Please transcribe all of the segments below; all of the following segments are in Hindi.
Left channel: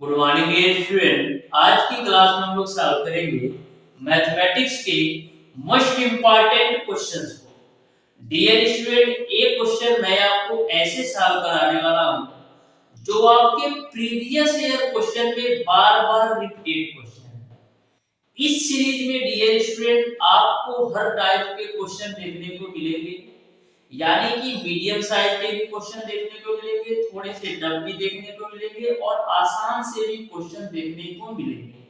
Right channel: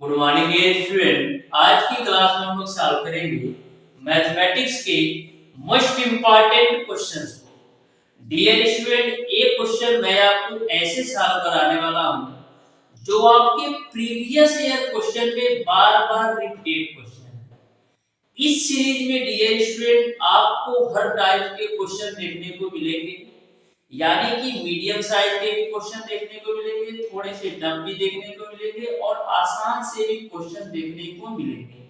Good morning dear student. आज की क्लास में हम लोग सॉल्व करेंगे मैथमेटिक्स के मोस्ट इंपॉर्टेंट क्वेश्चंस को। डियर स्टूडेंट, एक क्वेश्चन मैं आपको ऐसे सॉल्व कराने वाला हूं जो आपके प्रीवियस ईयर क्वेश्चन में बार बार रिपीटेड क्वेश्चन है। इस सीरीज में डियर स्टूडेंट आपको हर टाइप के क्वेश्चन देखने को मिलेंगे, यानी कि मीडियम साइज के भी क्वेश्चन देखने को मिलेंगे, थोड़े से टफ भी देखने को मिलेंगे और आसान से भी क्वेश्चन देखने को मिलेंगे।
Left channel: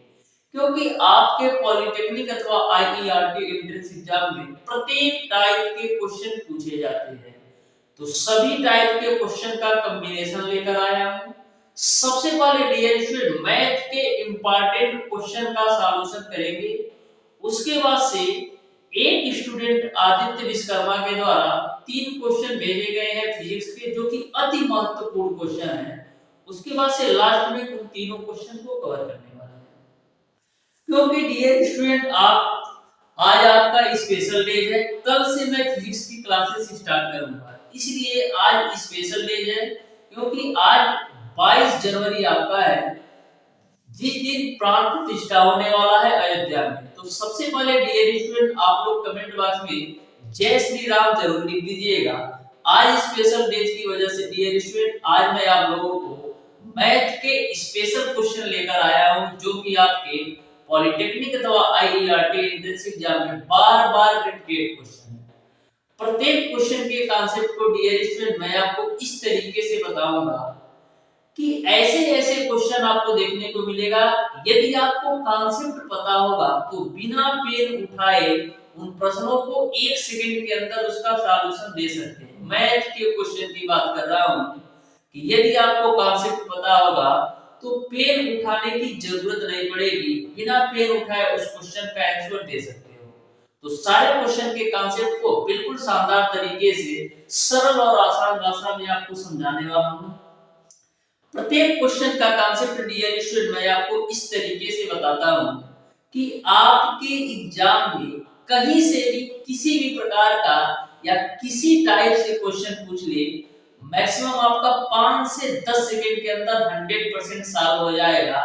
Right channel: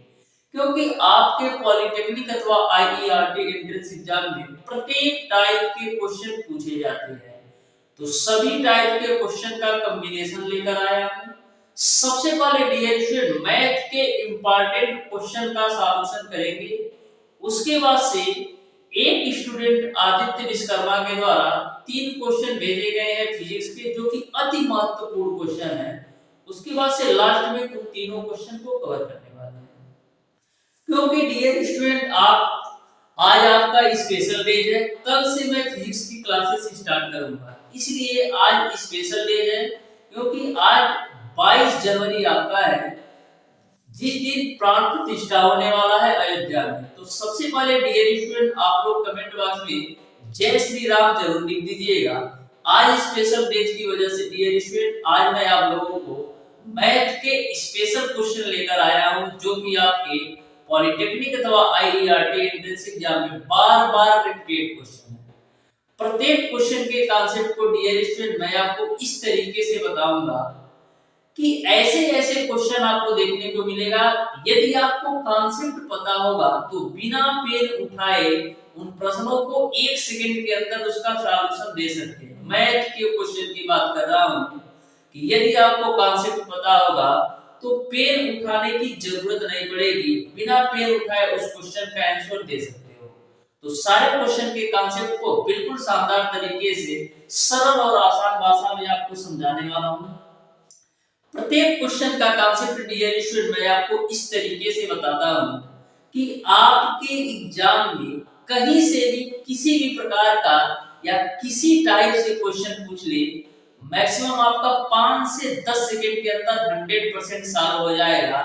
क्योंकि आपके पॉलिटेक्निक अथवा आईईआरटी एंट्रेंस एग्जाम में प्रत्येक टाइप के क्वेश्चन पूछे जाते हैं, तो सभी टाइप के क्वेश्चन का कॉम्बिनेशन लेकर आया हूं। सबसे पहले डियर स्टूडेंट मैथ के इंपॉर्टेंट क्वेश्चन का सॉल्यूशन करेंगे। उसके बाद से एक स्टूडेंट आदित्य विश्वकर्मा के द्वारा 3 क्वेश्चन भेजे गए हैं फिजिक्स के, जो कि अति महत्वपूर्ण क्वेश्चन है। उसके बाद से लास्ट में उन तीनों क्वेश्चन को कवर करने वाले हैं। क्योंकि डियर स्टूडेंट आज आपका स्पेशल डे है, कल से मैं फिजिक्स की क्लासेस स्टार्ट करूंगा, इसलिए आज स्पेशल डे है। क्योंकि आज 22 जनवरी आपका है, जिस दिन प्राण प्रतिष्ठा होने वाला है अयोध्या में। तो सबसे पहले डियर स्टूडेंट आप लोग कमेंट बॉक्स में जय श्री राम जरूर लिख दीजिएगा। आज स्पेशल डे की वजह से डियर स्टूडेंट आज मैं आप लोगों को मैथ के स्पेशल क्वेश्चन लेकर आया हूं, जो कि आपके पॉलिटेक्निक अथवा आईईआरटी एंट्रेंस एग्जाम में बार बार रिपीटेड क्वेश्चन है। प्रत्येक क्वेश्चन के कॉन्सेप्ट को डियर स्टूडेंट मैं आपको इस तरीके से बताऊंगा कि ऐसे ऐसे क्वेश्चन आपको देखने को मिलेगा। यदि आपको कॉन्सेप्ट पता होगा तो बिना पेन उठाए उन प्रश्नों को 1 सेकंड के अंदर उसका सॉल्यूशन दे सकते हैं। मैथ के क्वेश्चन की बात कर रहा हूं कि यदि आपको कॉन्सेप्ट पता होगा तो पेन उठाने की जरूरत नहीं पड़ेगी, बिना पेन उठाए उस क्वेश्चन का आंसर दे सकते हो। तो सारे क्वेश्चन के कॉन्सेप्ट को बिल्कुल शानदार तरीके से सरल और आसान भाषा में आपको समझाने वाला हूं। प्रत्येक क्वेश्चन का कॉन्सेप्ट डियर स्टूडेंट मैं आपको इस तरीके से बताता हूं कि आपके एग्जाम में कहीं से भी किसी भी प्रकार का या किसी टाइप से क्वेश्चन पूछ ले, मैक्सिमम आपका 5 से 10 सेकंड के अंदर 100% सॉल्व हो जाएगा।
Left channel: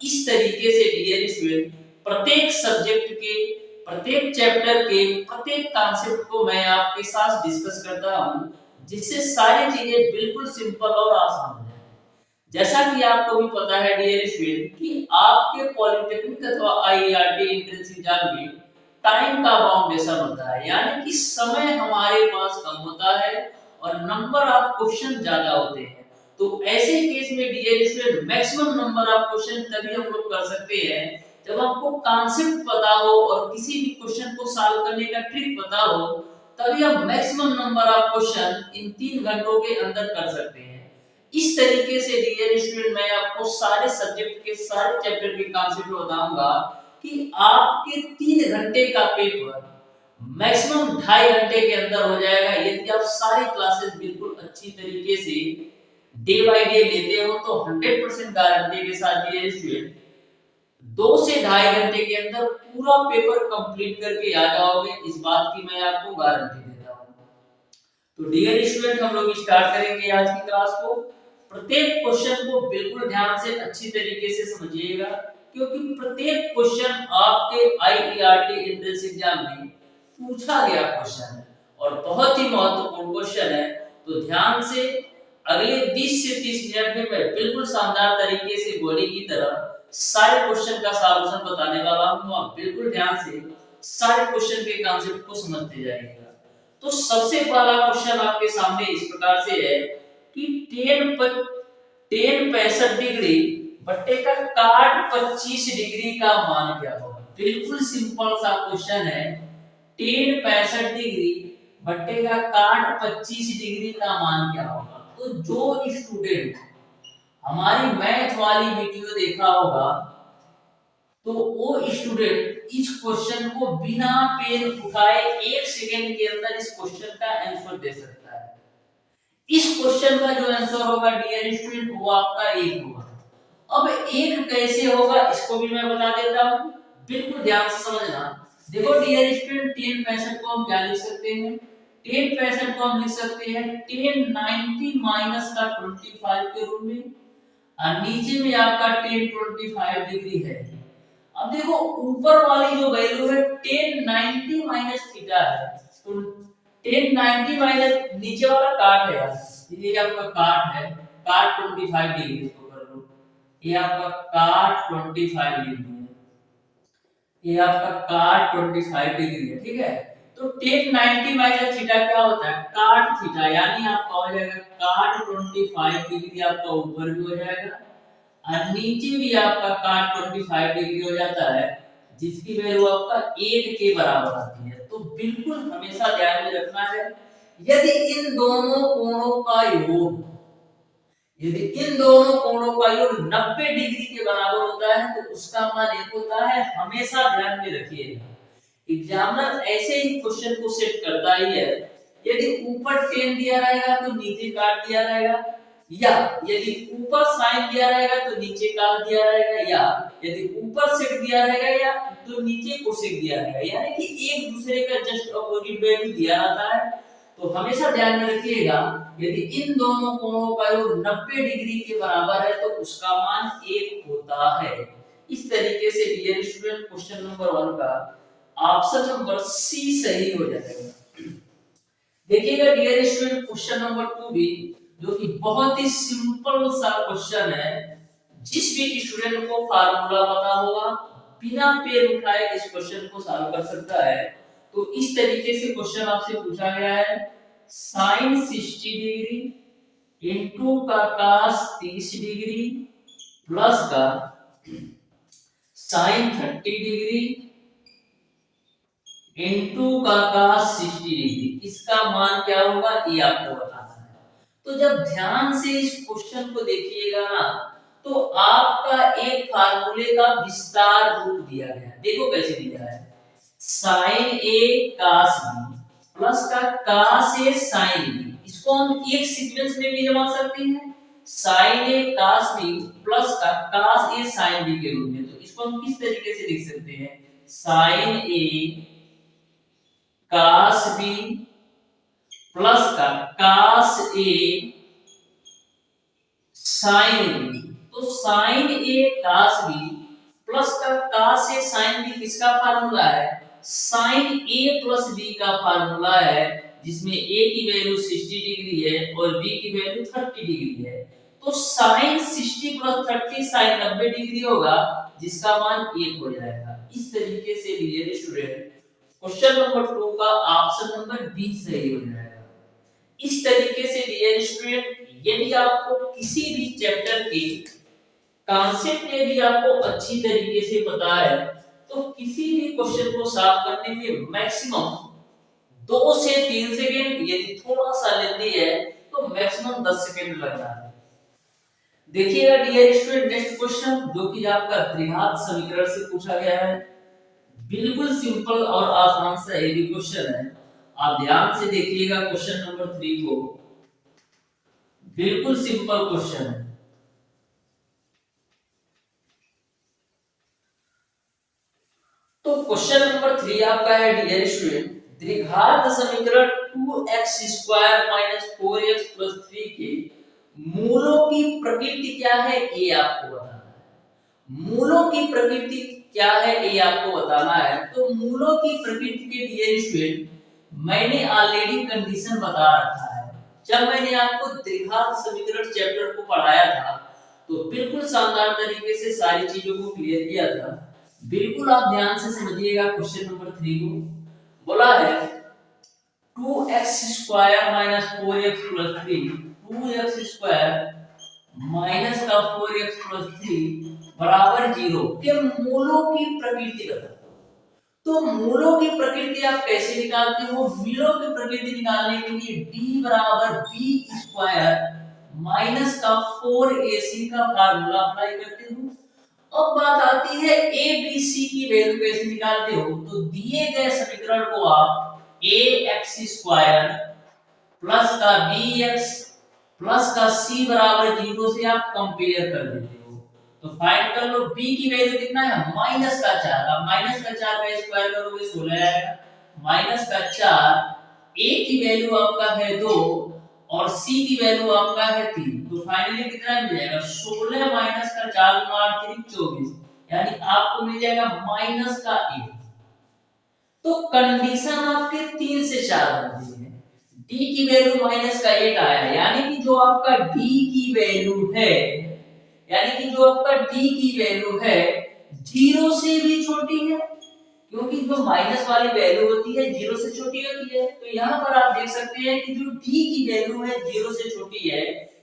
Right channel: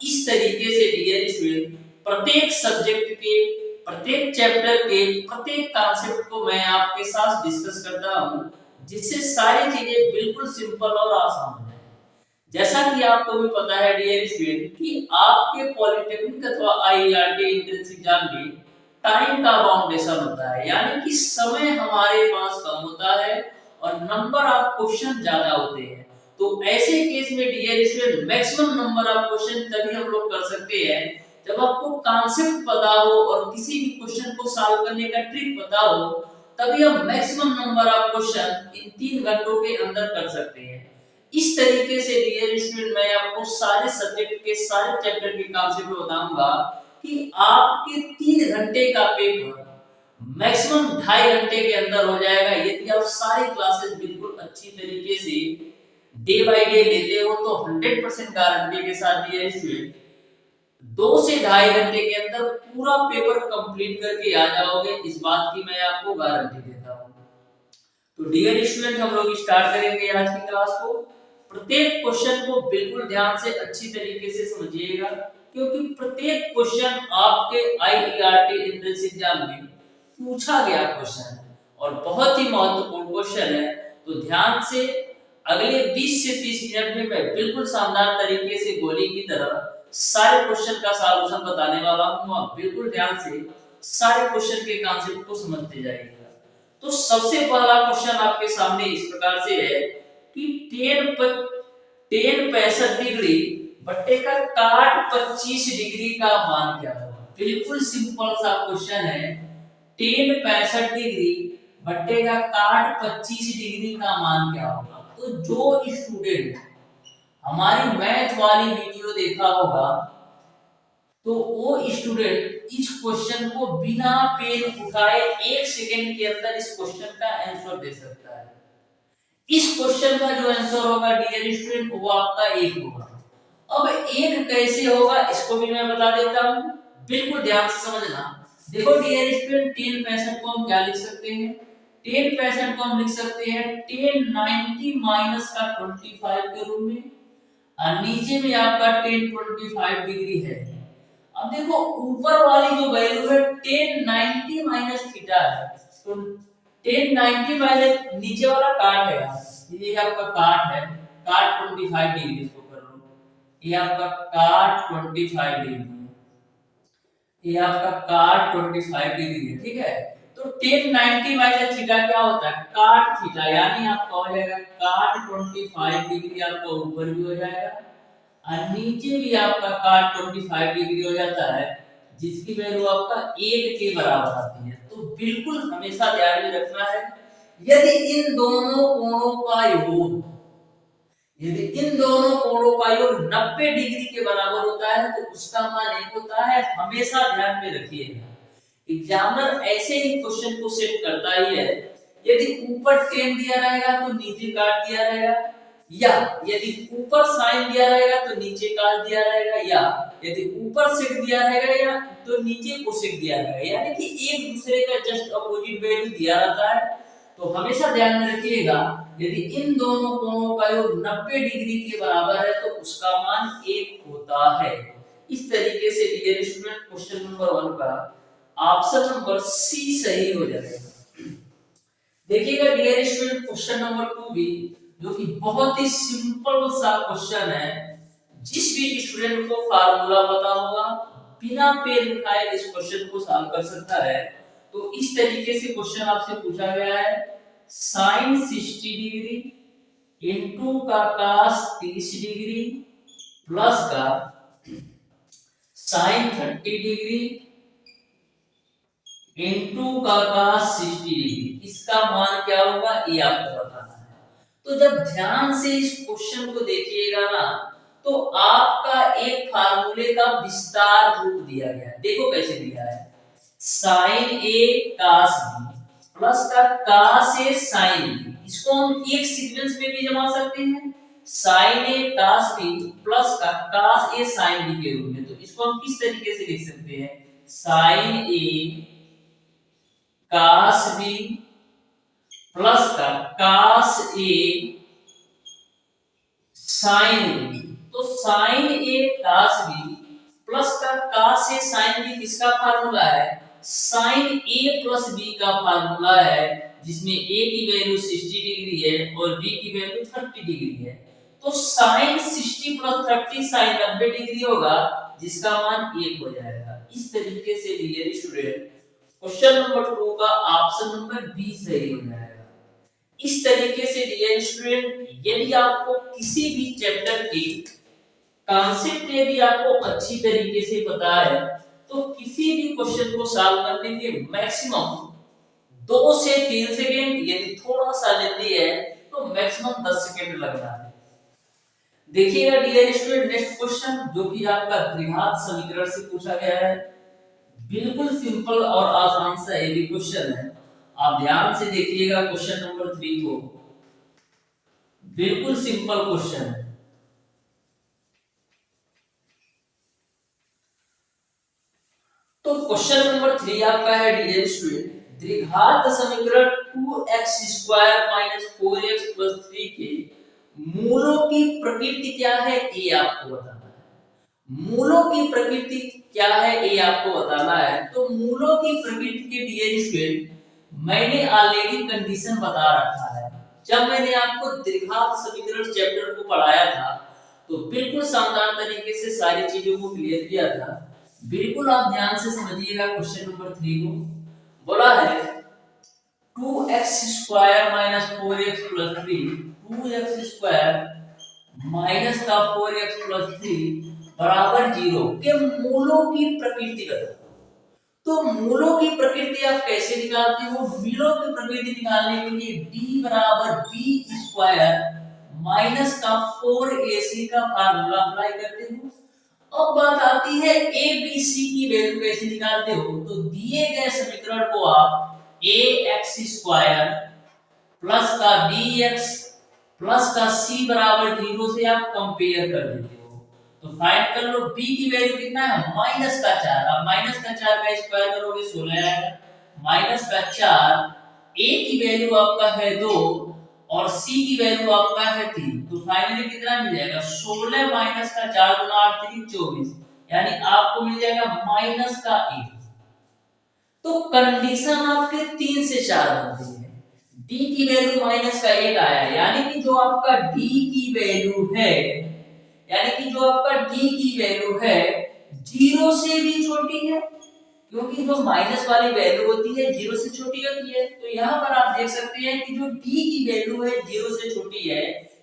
इस तरीके से डियर स्टूडेंट प्रत्येक सब्जेक्ट के, प्रत्येक चैप्टर के प्रत्येक कॉन्सेप्ट को मैं आपके साथ डिस्कस करता हूं, जिससे सारी चीजें बिल्कुल सिंपल और आसान हो जाए। जैसा कि आपको भी पता है डियर स्टूडेंट कि आपके पॉलिटेक्निक अथवा आईईआरटी एंट्रेंस एग्जाम में टाइम का बाउंडेशन होता है, यानी कि समय हमारे पास कम होता है और नंबर ऑफ क्वेश्चन ज्यादा होते हैं। तो ऐसे केस में dear student maximum number of question तभी हम लोग कर सकते हैं जब आपको कॉन्सेप्ट पता हो और किसी भी क्वेश्चन को सॉल्व करने का ट्रिक पता हो, तभी हम maximum number of question in 3 घंटों के अंदर कर सकते हैं। इस तरीके से डियर स्टूडेंट मैं आपको सारे सब्जेक्ट के सारे चैप्टर के कॉन्सेप्ट बताऊंगा कि आपके 3 घंटे का पेपर मैक्सिमम 2.5 घंटे के अंदर हो जाएगा, यदि आप सारी क्लासेस बिल्कुल अच्छी तरीके से डे बाय डे लेते हो। तो 100% गारंटी के साथ डियर स्टूडेंट 2 से 2.5 घंटे के अंदर पूरा पेपर कंप्लीट करके आ जाओगे, इस बात की मैं आपको गारंटी देता हूं। तो डियर स्टूडेंट हम लोग स्टार्ट करेंगे आज की क्लास को। प्रत्येक क्वेश्चन को बिल्कुल ध्यान से अच्छी तरीके से समझिएगा, क्योंकि प्रत्येक क्वेश्चन आपके आईईआरटी एंट्रेंस एग्जाम में पूछा गया क्वेश्चन है और बहुत ही महत्वपूर्ण क्वेश्चन है। तो ध्यान से अगले 20 से 30 मिनट में मैं बिल्कुल शानदार तरीके से गोली की तरह सारे क्वेश्चन का सॉल्यूशन बताने वाला हूं। तो आप बिल्कुल ध्यान से सारे क्वेश्चन के कॉन्सेप्ट को समझते जाइएगा। तो सबसे पहला क्वेश्चन आपके सामने इस प्रकार से है कि टेन 65 डिग्री बट्टे का काट 25 डिग्री का मान क्या होगा। बिल्कुल सिंपल सा क्वेश्चन है। टेन 65 डिग्री बट्टे का काट 25 डिग्री का मान क्या होगा। तो जो स्टूडेंट हमारी मैथ वाली वीडियो देखा होगा, तो वो स्टूडेंट इस क्वेश्चन को बिना पेन उठाए 1 सेकंड के अंदर इस क्वेश्चन का आंसर दे सकता है। इस क्वेश्चन का जो आंसर होगा डियर स्टूडेंट वो आपका 1 होगा। अब 1 कैसे होगा इसको भी मैं बता देता हूं, बिल्कुल ध्यान से समझना। देखो डियर स्टूडेंट 10 65 को हम क्या लिख सकते हैं, 10 65 को हम लिख सकते हैं 10 90 माइनस का 25 के रूप में। और नीचे में आपका टेन 25 डिग्री है। अब देखो ऊपर वाली जो वैल्यू है टेन 90 माइनस थीटा है, तो टेन 90 माइनस नीचे वाला काट है यार, ये आपका काट है, काट 25 डिग्री इसको कर लो, ये आपका काट 25 डिग्री है, ये आपका काट 25 डिग्री है, ठीक है। तो टेन 90 माइनस थीटा क्या होता है, काट थीटा, यानी आपका हो जाएगा काट 25 डिग्री, आपका ऊपर भी हो जाएगा और नीचे भी आपका काट 25 डिग्री हो जाता है, जिसकी वैल्यू आपका 1 के बराबर आती है। तो बिल्कुल हमेशा ध्यान में रखना है, यदि इन दोनों कोणों का योग, यदि इन दोनों कोणों का योग 90 डिग्री के बराबर होता है तो उसका मान 1 होता है, हमेशा ध्यान में रखिएगा। एग्जामिनर ऐसे ही क्वेश्चन को सेट करता ही है, यदि ऊपर टेन दिया रहेगा तो नीचे काट दिया रहेगा, या यदि ऊपर साइन दिया रहेगा तो नीचे काट दिया रहेगा, या यदि ऊपर सेक दिया रहेगा या तो नीचे कोसेक दिया रहेगा, यानी कि एक दूसरे का जस्ट अपोजिट वैल्यू दिया रहता है। तो हमेशा ध्यान में रखिएगा, यदि इन दोनों कोणों का योग 90 डिग्री के बराबर है तो उसका मान 1 होता है। इस तरीके से डियर स्टूडेंट क्वेश्चन नंबर 1 का ऑप्शन नंबर सी सही हो जाएगा। देखिएगा डियर स्टूडेंट क्वेश्चन नंबर 2 भी, जो कि बहुत ही सिंपल सा क्वेश्चन है, जिस भी स्टूडेंट को फार्मूला पता होगा बिना पेन उठाए इस क्वेश्चन को सॉल्व कर सकता है। तो इस तरीके से क्वेश्चन आपसे पूछा गया है, साइन 60 डिग्री इनटू का cos 30 डिग्री प्लस का साइन 30 डिग्री इनटू का cos 60 डिग्री, इसका मान क्या होगा ये आपको बताना है। तो जब ध्यान से इस क्वेश्चन को देखिएगा ना, तो आपका एक फार्मूले का विस्तार रूप दिया गया है, देखो कैसे दिया है, साइन ए cos बी प्लस का cos ए साइन बी, इसको हम एक सीक्वेंस में भी जमा सकते हैं, साइन ए cos बी प्लस का cos ए साइन बी के रूप में। तो इसको हम किस तरीके से लिख सकते हैं, साइन ए cos b प्लस का cos a sin b। तो sin a cos b plus का cos a sin b किसका फार्मूला है, sin a प्लस b का फार्मूला है, जिसमें a की वैल्यू 60 डिग्री है और b की वैल्यू 30 डिग्री है। तो sin 60 प्लस 30 sin 90 डिग्री होगा, जिसका मान 1 हो जाएगा। इस तरीके से डियर स्टूडेंट क्वेश्चन नंबर 2 का ऑप्शन नंबर बी सही हो जाएगा। इस तरीके से डियर स्टूडेंट, यदि आपको किसी भी चैप्टर की कॉन्सेप्ट यदि आपको अच्छी तरीके से पता है, तो किसी भी क्वेश्चन को सॉल्व करने में मैक्सिमम 2 से 3 सेकंड, यदि थोड़ा सा जल्दी है तो मैक्सिमम 10 सेकंड लगता है। देखिएगा डियर स्टूडेंट नेक्स्ट क्वेश्चन, जो कि आपका द्विघात समीकरण से पूछा गया है, बिल्कुल सिंपल और आसान सा ये भी क्वेश्चन है। आप ध्यान से देखिएगा क्वेश्चन नंबर 3 को, बिल्कुल सिंपल क्वेश्चन है। तो क्वेश्चन नंबर 3 आपका है डियर स्टूडेंट, द्विघात समीकरण 2x square minus 4x plus 3 के मूलों की प्रकृति क्या है ये आपको बताना है। मूलों की प्रकृति क्या है ये आपको बताना है। तो मूलों की प्रकृति के डियर स्टूडेंट मैंने ऑलरेडी कंडीशन बता रखा है, जब मैंने आपको द्विघात समीकरण चैप्टर को पढ़ाया था तो बिल्कुल शानदार तरीके से सारी चीजों को क्लियर किया था। बिल्कुल आप ध्यान से समझिएगा क्वेश्चन नंबर 3 को। बोला है 2x square minus 4x plus 3, 2x square minus का 4x प्लस 3 बराबर 0 के मूलों की प्रकृति बताओ। तो मूलों की प्रकृति आप कैसे निकालते हो, मूलों की प्रकृति निकालने के लिए d बराबर b स्क्वायर माइनस का 4ac का फार्मूला अप्लाई करते हो। अब बात आती है a b c की वैल्यू कैसे निकालते हो। तो दिए गए समीकरण को आप ax स्क्वायर प्लस का bx प्लस का c बराबर 0 से आप कंपेयर कर देते हो। तो फाइंड कर लो b की वैल्यू कितना है, माइनस का 4। अब माइनस का 4 का स्क्वायर करोगे 16 आएगा, माइनस का 4, a की वैल्यू आपका है 2 और c की वैल्यू आपका है 3, तो फाइनली कितना मिल जाएगा 16 माइनस का 4 गुना 8 3 24, यानी आपको मिल जाएगा माइनस का 1। तो कंडीशन आपके 3 से 4 बनती है। d की वैल्यू माइनस का 1 आया, यानी कि जो आपका d की वैल्यू है, यानी कि जो आपका d की वैल्यू है 0 से भी छोटी है, क्योंकि जो माइनस वाली वैल्यू होती है 0 से छोटी होती है। तो यहाँ पर आप देख सकते हैं कि जो d की वैल्यू है 0 से छोटी है,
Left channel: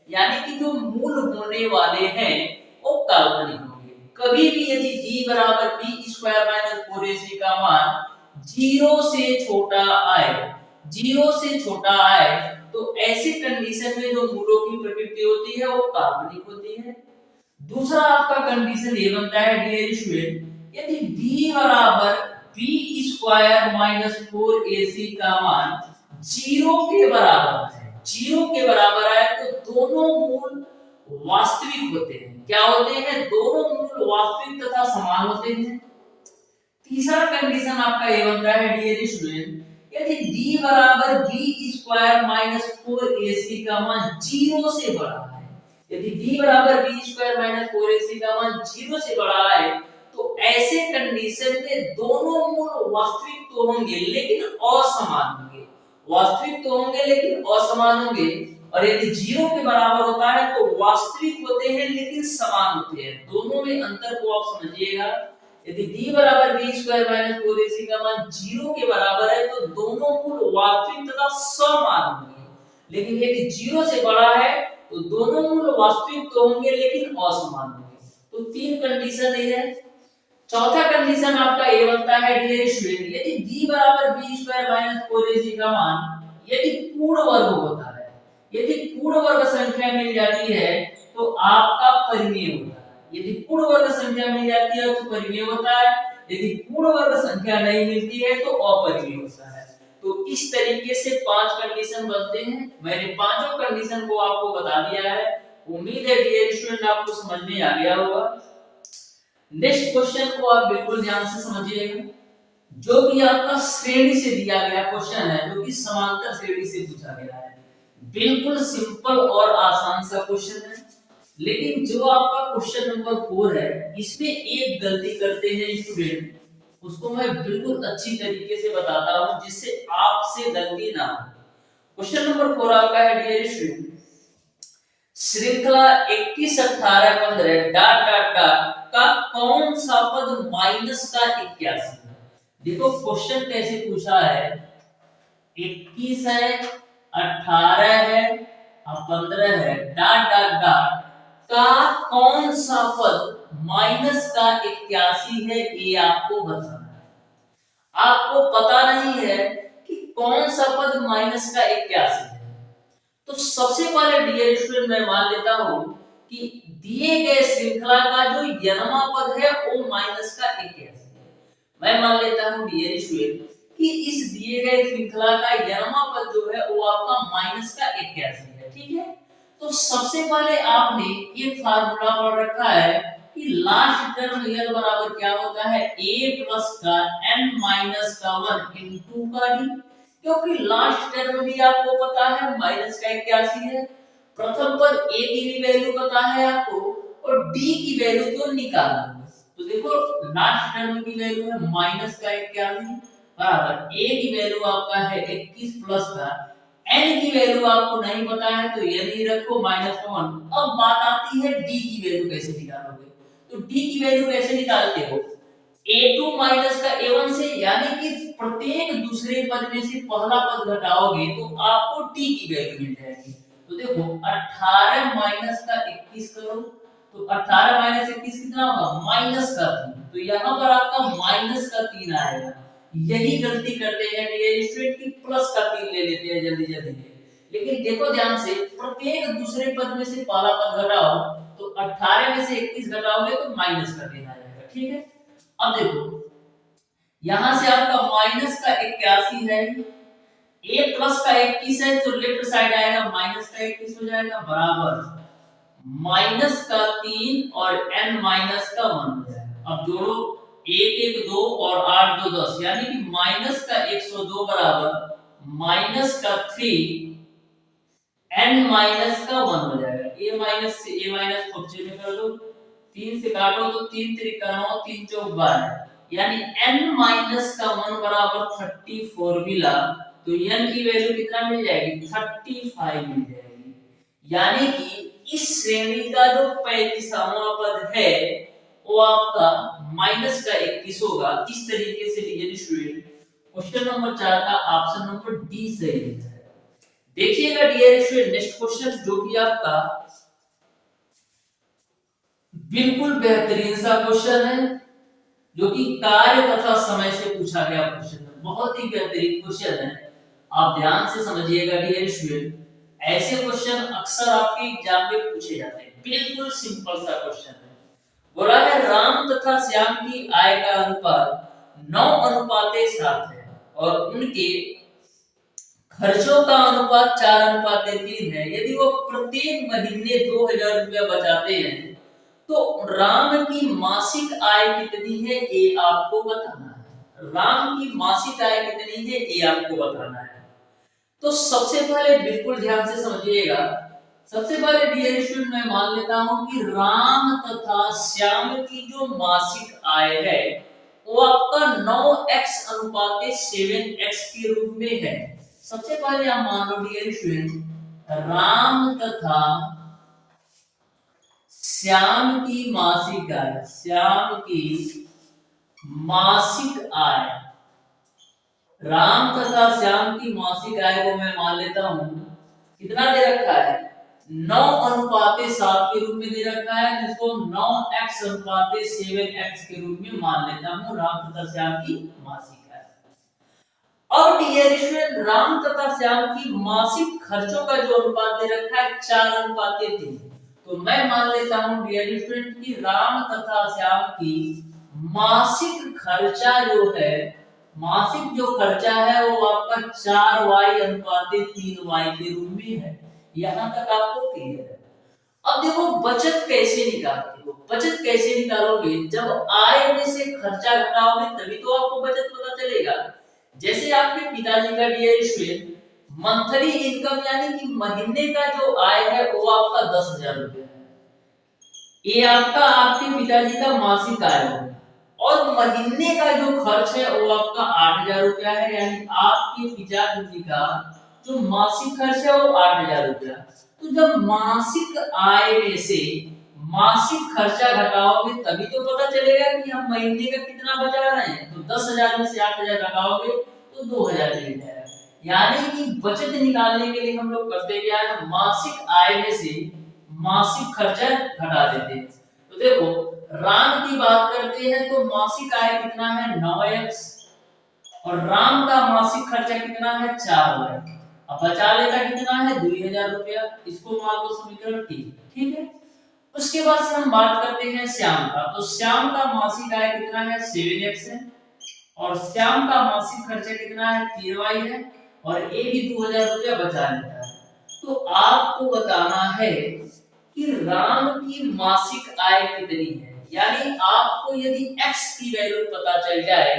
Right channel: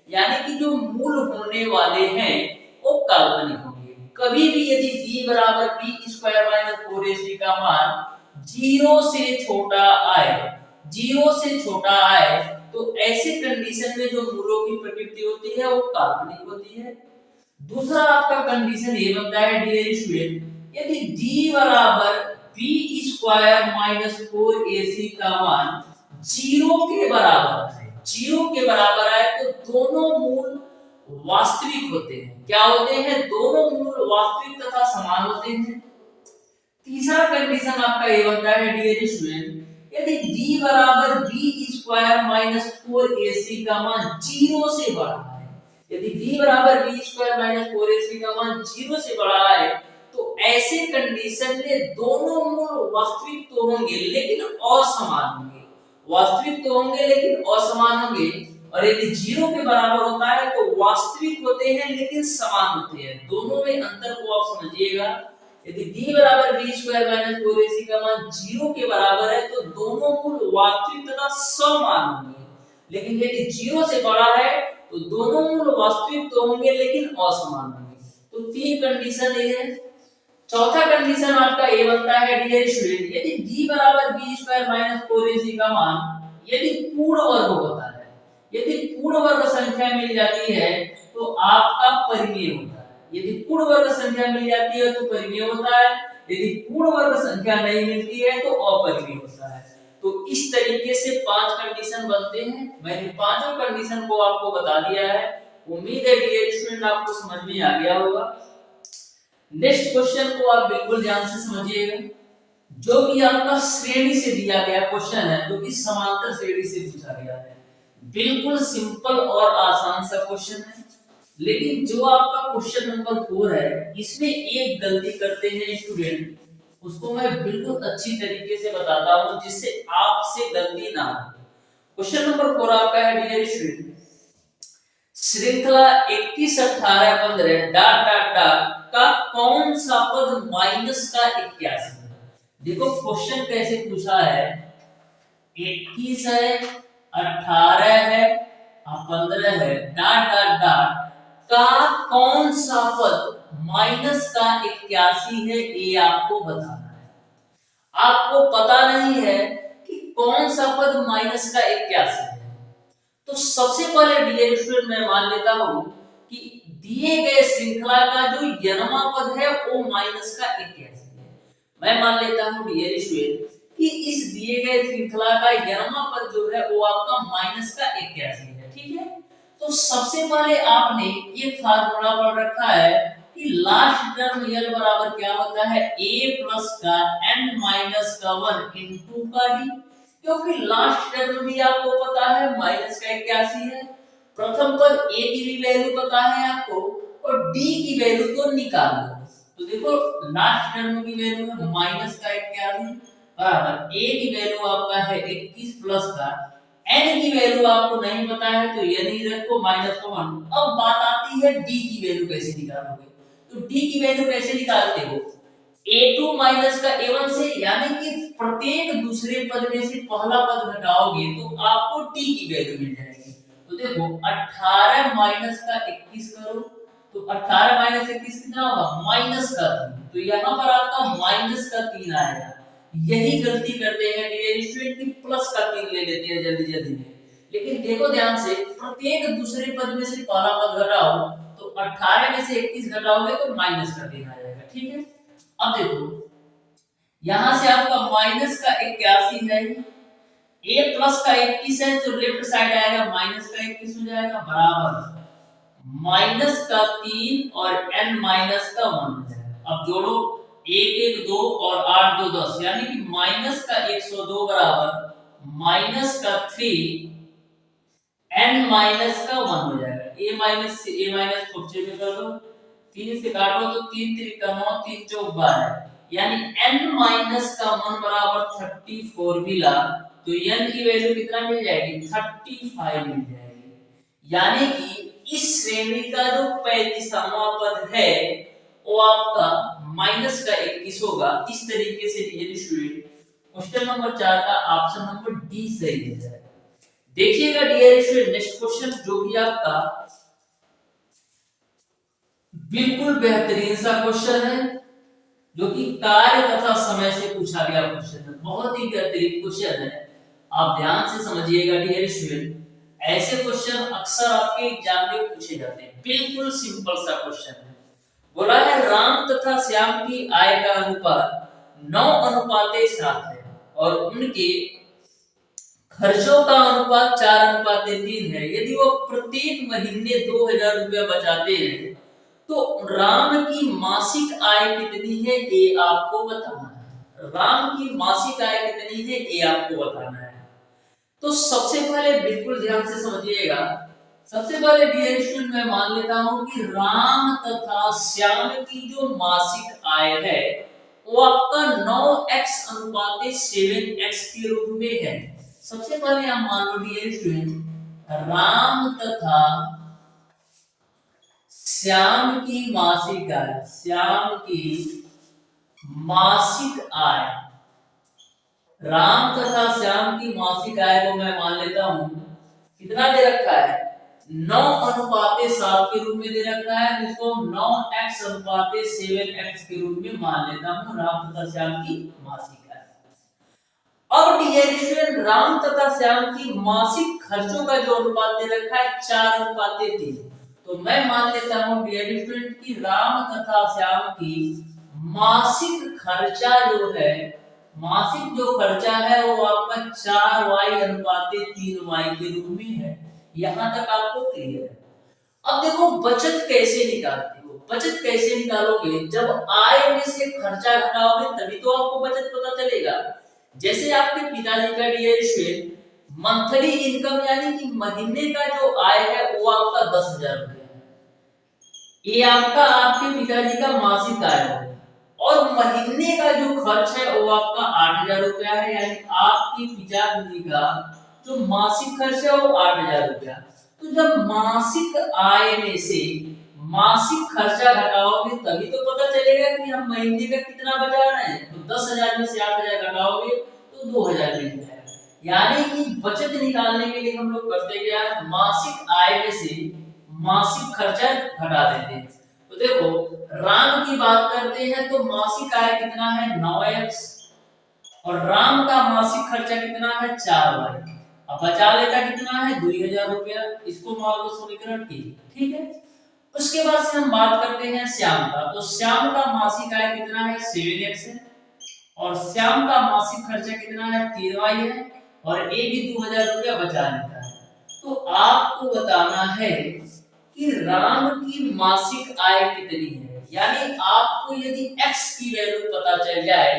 यानी कि जो मूल होने वाले हैं वो काल्पनिक होंगे। कभी भी यदि d बराबर b स्क्वायर माइनस 4ac का मान 0 से छोटा आए, 0 से छोटा आए, तो ऐसी कंडीशन में जो मूलों की प्रकृति होती है वो काल्पनिक होती है। दूसरा आपका कंडीशन ये बनता है डियर स्टूडेंट, यदि d बराबर b स्क्वायर माइनस 4ac का मान 0 के बराबर है, 0 के बराबर है, तो दोनों मूल वास्तविक होते हैं। क्या होते हैं? दोनों मूल वास्तविक तथा समान होते हैं। तीसरा कंडीशन आपका ये बनता है डियर स्टूडेंट, यदि d बराबर b स्क्वायर माइनस 4ac का मान 0 से बड़ा है, यदि d बराबर b स्क्वायर माइनस 4ac का मान 0 से बड़ा है, तो ऐसे कंडीशन में दोनों मूल वास्तविक तो होंगे लेकिन असमान होंगे, वास्तविक तो होंगे लेकिन असमान होंगे। और यदि 0 के बराबर होता है तो वास्तविक होते हैं लेकिन समान होते हैं। दोनों में अंतर को आप समझिएगा। यदि d बराबर b स्क्वायर माइनस 4ac का मान 0 के बराबर है तो दोनों मूल वास्तविक तथा समान होंगे, लेकिन यदि 0 से बड़ा है तो दोनों मूल वास्तविक तो होंगे लेकिन असमान होंगे। तो तीन कंडीशन ये है। चौथा कंडीशन आपका ये बनता है डियर स्टूडेंट, यदि d बराबर b स्क्वायर माइनस 4ac का मान यदि पूर्ण वर्ग होता है, यदि पूर्ण वर्ग संख्या मिल जाती है तो आपका परिमेय होता है। यदि पूर्ण वर्ग संख्या मिल जाती है तो परिमेय होता है, यदि पूर्ण वर्ग संख्या नहीं मिलती है तो अपरिमेय होता है। तो इस तरीके से 5 कंडीशन बनते हैं। मैंने पांचों कंडीशन को आपको बता दिया है। उम्मीद है डियर स्टूडेंट आपको समझ में आ गया होगा। नेक्स्ट क्वेश्चन को आप बिल्कुल ध्यान से समझिएगा, जो कि आपका श्रेणी से दिया गया क्वेश्चन है, जो कि समांतर श्रेणी से पूछा गया है। बिल्कुल सिंपल और आसान सा क्वेश्चन है, लेकिन जो आपका क्वेश्चन नंबर 4 है इसमें एक गलती करते हैं स्टूडेंट, उसको मैं बिल्कुल अच्छी तरीके से बताता हूं जिससे आपसे गलती ना हो। क्वेश्चन नंबर 4 आपका है डियर स्टूडेंट, श्रृंखला 21 18 15 डॉट डॉट डॉट का कौन सा पद माइनस का 81 है। देखो क्वेश्चन कैसे पूछा है, 21 है, 18 है और 15 है, डॉट डॉट डॉट का कौन सा पद माइनस का 81 है, ये आपको बताना है। आपको पता नहीं है कि कौन सा पद माइनस का 81 है, तो सबसे पहले डियर स्टूडेंट मैं मान लेता हूं कि दिए गए श्रृंखला का जो जन्मा पद है वो माइनस का 81 है। मैं मान लेता हूं डियर स्टूडेंट कि इस दिए गए श्रृंखला का जन्मा पद जो है वो आपका माइनस का 81 है। ठीक है, तो सबसे पहले आपने एक फार्मूला पढ़ रखा है कि लास्ट टर्म यल बराबर क्या होता है, a प्लस का n माइनस का 1 इनटू का d, क्योंकि लास्ट टर्म भी आपको पता है माइनस का 81 है। प्रथम पद a की भी वैल्यू पता है आपको और d की वैल्यू तो निकाल लो। तो देखो लास्ट टर्म की वैल्यू है माइनस का 81 बराबर a की वैल्यू आपका है 21 प्लस का n की वैल्यू आपको नहीं पता है तो ये नहीं रखो माइनस का 1। अब बात आती है d की वैल्यू कैसे निकालोगे, तो d की वैल्यू कैसे निकालते हो, a2 माइनस का a1 से, यानी कि प्रत्येक दूसरे पद में से पहला पद घटाओगे तो आपको t की वैल्यू मिल जाएगी। तो देखो 18 माइनस का 21 करो तो 18 माइनस 21 कितना होगा, माइनस का 3। तो यहाँ पर आपका माइनस का 3 आएगा। यही गलती करते हैं डियर स्टूडेंट की प्लस का 3 ले लेते हैं जल्दी जल्दी में, लेकिन देखो ध्यान से प्रत्येक दूसरे पद में से पहला पद घटाओ तो 18 में से 21 घटाओगे तो माइनस का 3 आ जाएगा। ठीक है, अब देखो यहां से आपका माइनस का 81 है, a प्लस का 21 है तो लेफ्ट साइड आएगा माइनस का 21 हो जाएगा बराबर माइनस का 3 और n माइनस का 1 हो जाएगा। अब जोड़ो 1 1 2 और 8 2 10, यानी कि माइनस का 102 बराबर माइनस का 3 n माइनस का 1 हो जाएगा। a माइनस से a माइनस को बच्चे में कर दो, 3 से काटो तो 3 त्रिका 9, 3 चौक 12, यानी n माइनस का 1 बराबर 34 मिला, तो n की वैल्यू कितना मिल जाएगी, 35 मिल जाएगी। यानी कि इस श्रेणी का जो 35वां पद है वो आपका माइनस का 21 होगा। इस तरीके से डियर स्टूडेंट क्वेश्चन नंबर 4 का ऑप्शन नंबर डी सही है। देखिएगा डियर स्टूडेंट नेक्स्ट क्वेश्चन जो कि आपका बिल्कुल बेहतरीन सा क्वेश्चन है, जो कि कार्य तथा समय से पूछा गया क्वेश्चन है। बहुत ही बेहतरीन क्वेश्चन है, आप ध्यान से समझिएगा डियर स्टूडेंट। ऐसे क्वेश्चन अक्सर आपके एग्जाम में पूछे जाते हैं। बिल्कुल सिंपल सा क्वेश्चन है। बोला है राम तथा श्याम की आय का अनुपात 9:7 है और उनके खर्चों का अनुपात 4:3 है। यदि वो प्रत्येक महीने 2000 रुपया बचाते हैं तो राम की मासिक आय कितनी है ये आपको बताना है। राम की मासिक आय कितनी है ये आपको बताना है। तो सबसे पहले बिल्कुल ध्यान से समझिएगा। सबसे पहले डियर स्टूडेंट मैं मान लेता हूं कि राम तथा श्याम की जो मासिक आय है वो आपका 9x/7x के रूप में है। सबसे पहले आप मान लो डियर स्टूडेंट राम तथा श्याम की मासिक आय, श्याम की मासिक आय, राम तथा श्याम की मासिक आय को मैं मान लेता हूं कितना दे रखा है, 9:7 के रूप में दे रखा है, जिसको 9x/7x के रूप में मान लेता हूं राम तथा श्याम की मासिक आय। अब डियर स्टूडेंट राम तथा श्याम की मासिक खर्चों का जो अनुपात दे रखा है 4:3, तो मैं मान लेता हूं डियर स्टूडेंट कि राम तथा श्याम की मासिक खर्चा जो है, मासिक जो खर्चा है वो आपका 4y/3y के रूप में है। यहां तक आपको क्लियर है। अब देखो बचत कैसे निकालते हो। बचत कैसे निकालोगे, जब आय में से खर्चा घटाओगे तभी तो आपको बचत पता चलेगा। जैसे आपके पिताजी का डियर स्टूडेंट मंथली इनकम यानी कि महीने का जो आय है वो आपका 10,000 रुपए है। ये आपका आपके पिताजी का मासिक आय है और महीने का जो खर्च है वो आपका 8,000 रुपया है। यानी आपके पिताजी का जो मासिक खर्च है वो 8,000 रुपया। तो जब मासिक आय में से मासिक खर्चा घटाओगे तभी तो पता चलेगा कि हम महीने का कितना बचा रहे हैं। तो 10,000 में से 8,000 घटाओगे तो 2,000 मिल जाएगा। यानी कि बचत निकालने के लिए हम लोग करते क्या है, मासिक आय में से मासिक खर्चा घटा देते हैं। तो देखो राम की बात करते हैं तो मासिक आय कितना है 9x और राम का मासिक खर्चा कितना है 4y। अब बचा लेता कितना है 2,000 रुपया। इसको मान लो समीकरण 3, ठीक है। उसके बाद से हम बात करते हैं श्याम का। तो श्याम का मासिक आय कितना है 7x है और श्याम का मासिक खर्चा कितना है 3y है और ये भी 2,000 रुपया बचा लेता है। तो आपको बताना है कि राम की मासिक आय कितनी है। यानी आपको यदि x की वैल्यू पता चल जाए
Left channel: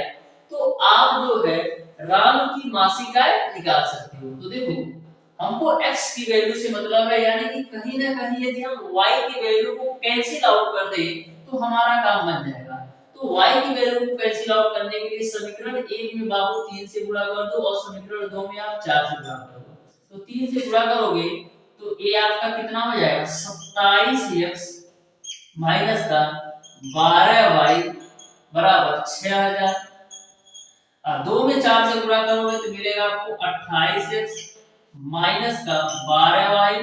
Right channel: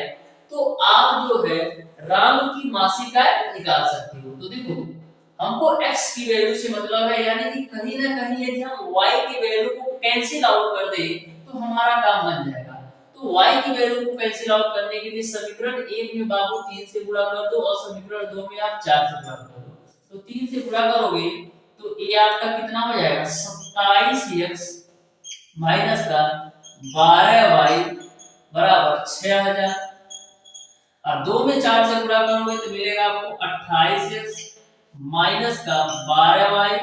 तो आप जो है राम की मासिक आय निकाल सकते हो। तो देखो हमको x की वैल्यू से मतलब है, यानी कि कहीं ना कहीं यदि हम y की वैल्यू को कैंसिल आउट कर दें तो हमारा काम बन जाएगा। तो y की वैल्यू को कैंसिल आउट करने के लिए समीकरण 1 में बाबू 3 से गुणा कर दो और समीकरण 2 में आप 4 से गुणा कर दो। तो 3 से गुणा करोगे तो ये आपका कितना हो जाएगा 27x माइनस का 12y बराबर 6,000 और 2 में 4 से गुणा करोगे तो मिलेगा आपको 28x माइनस का 12y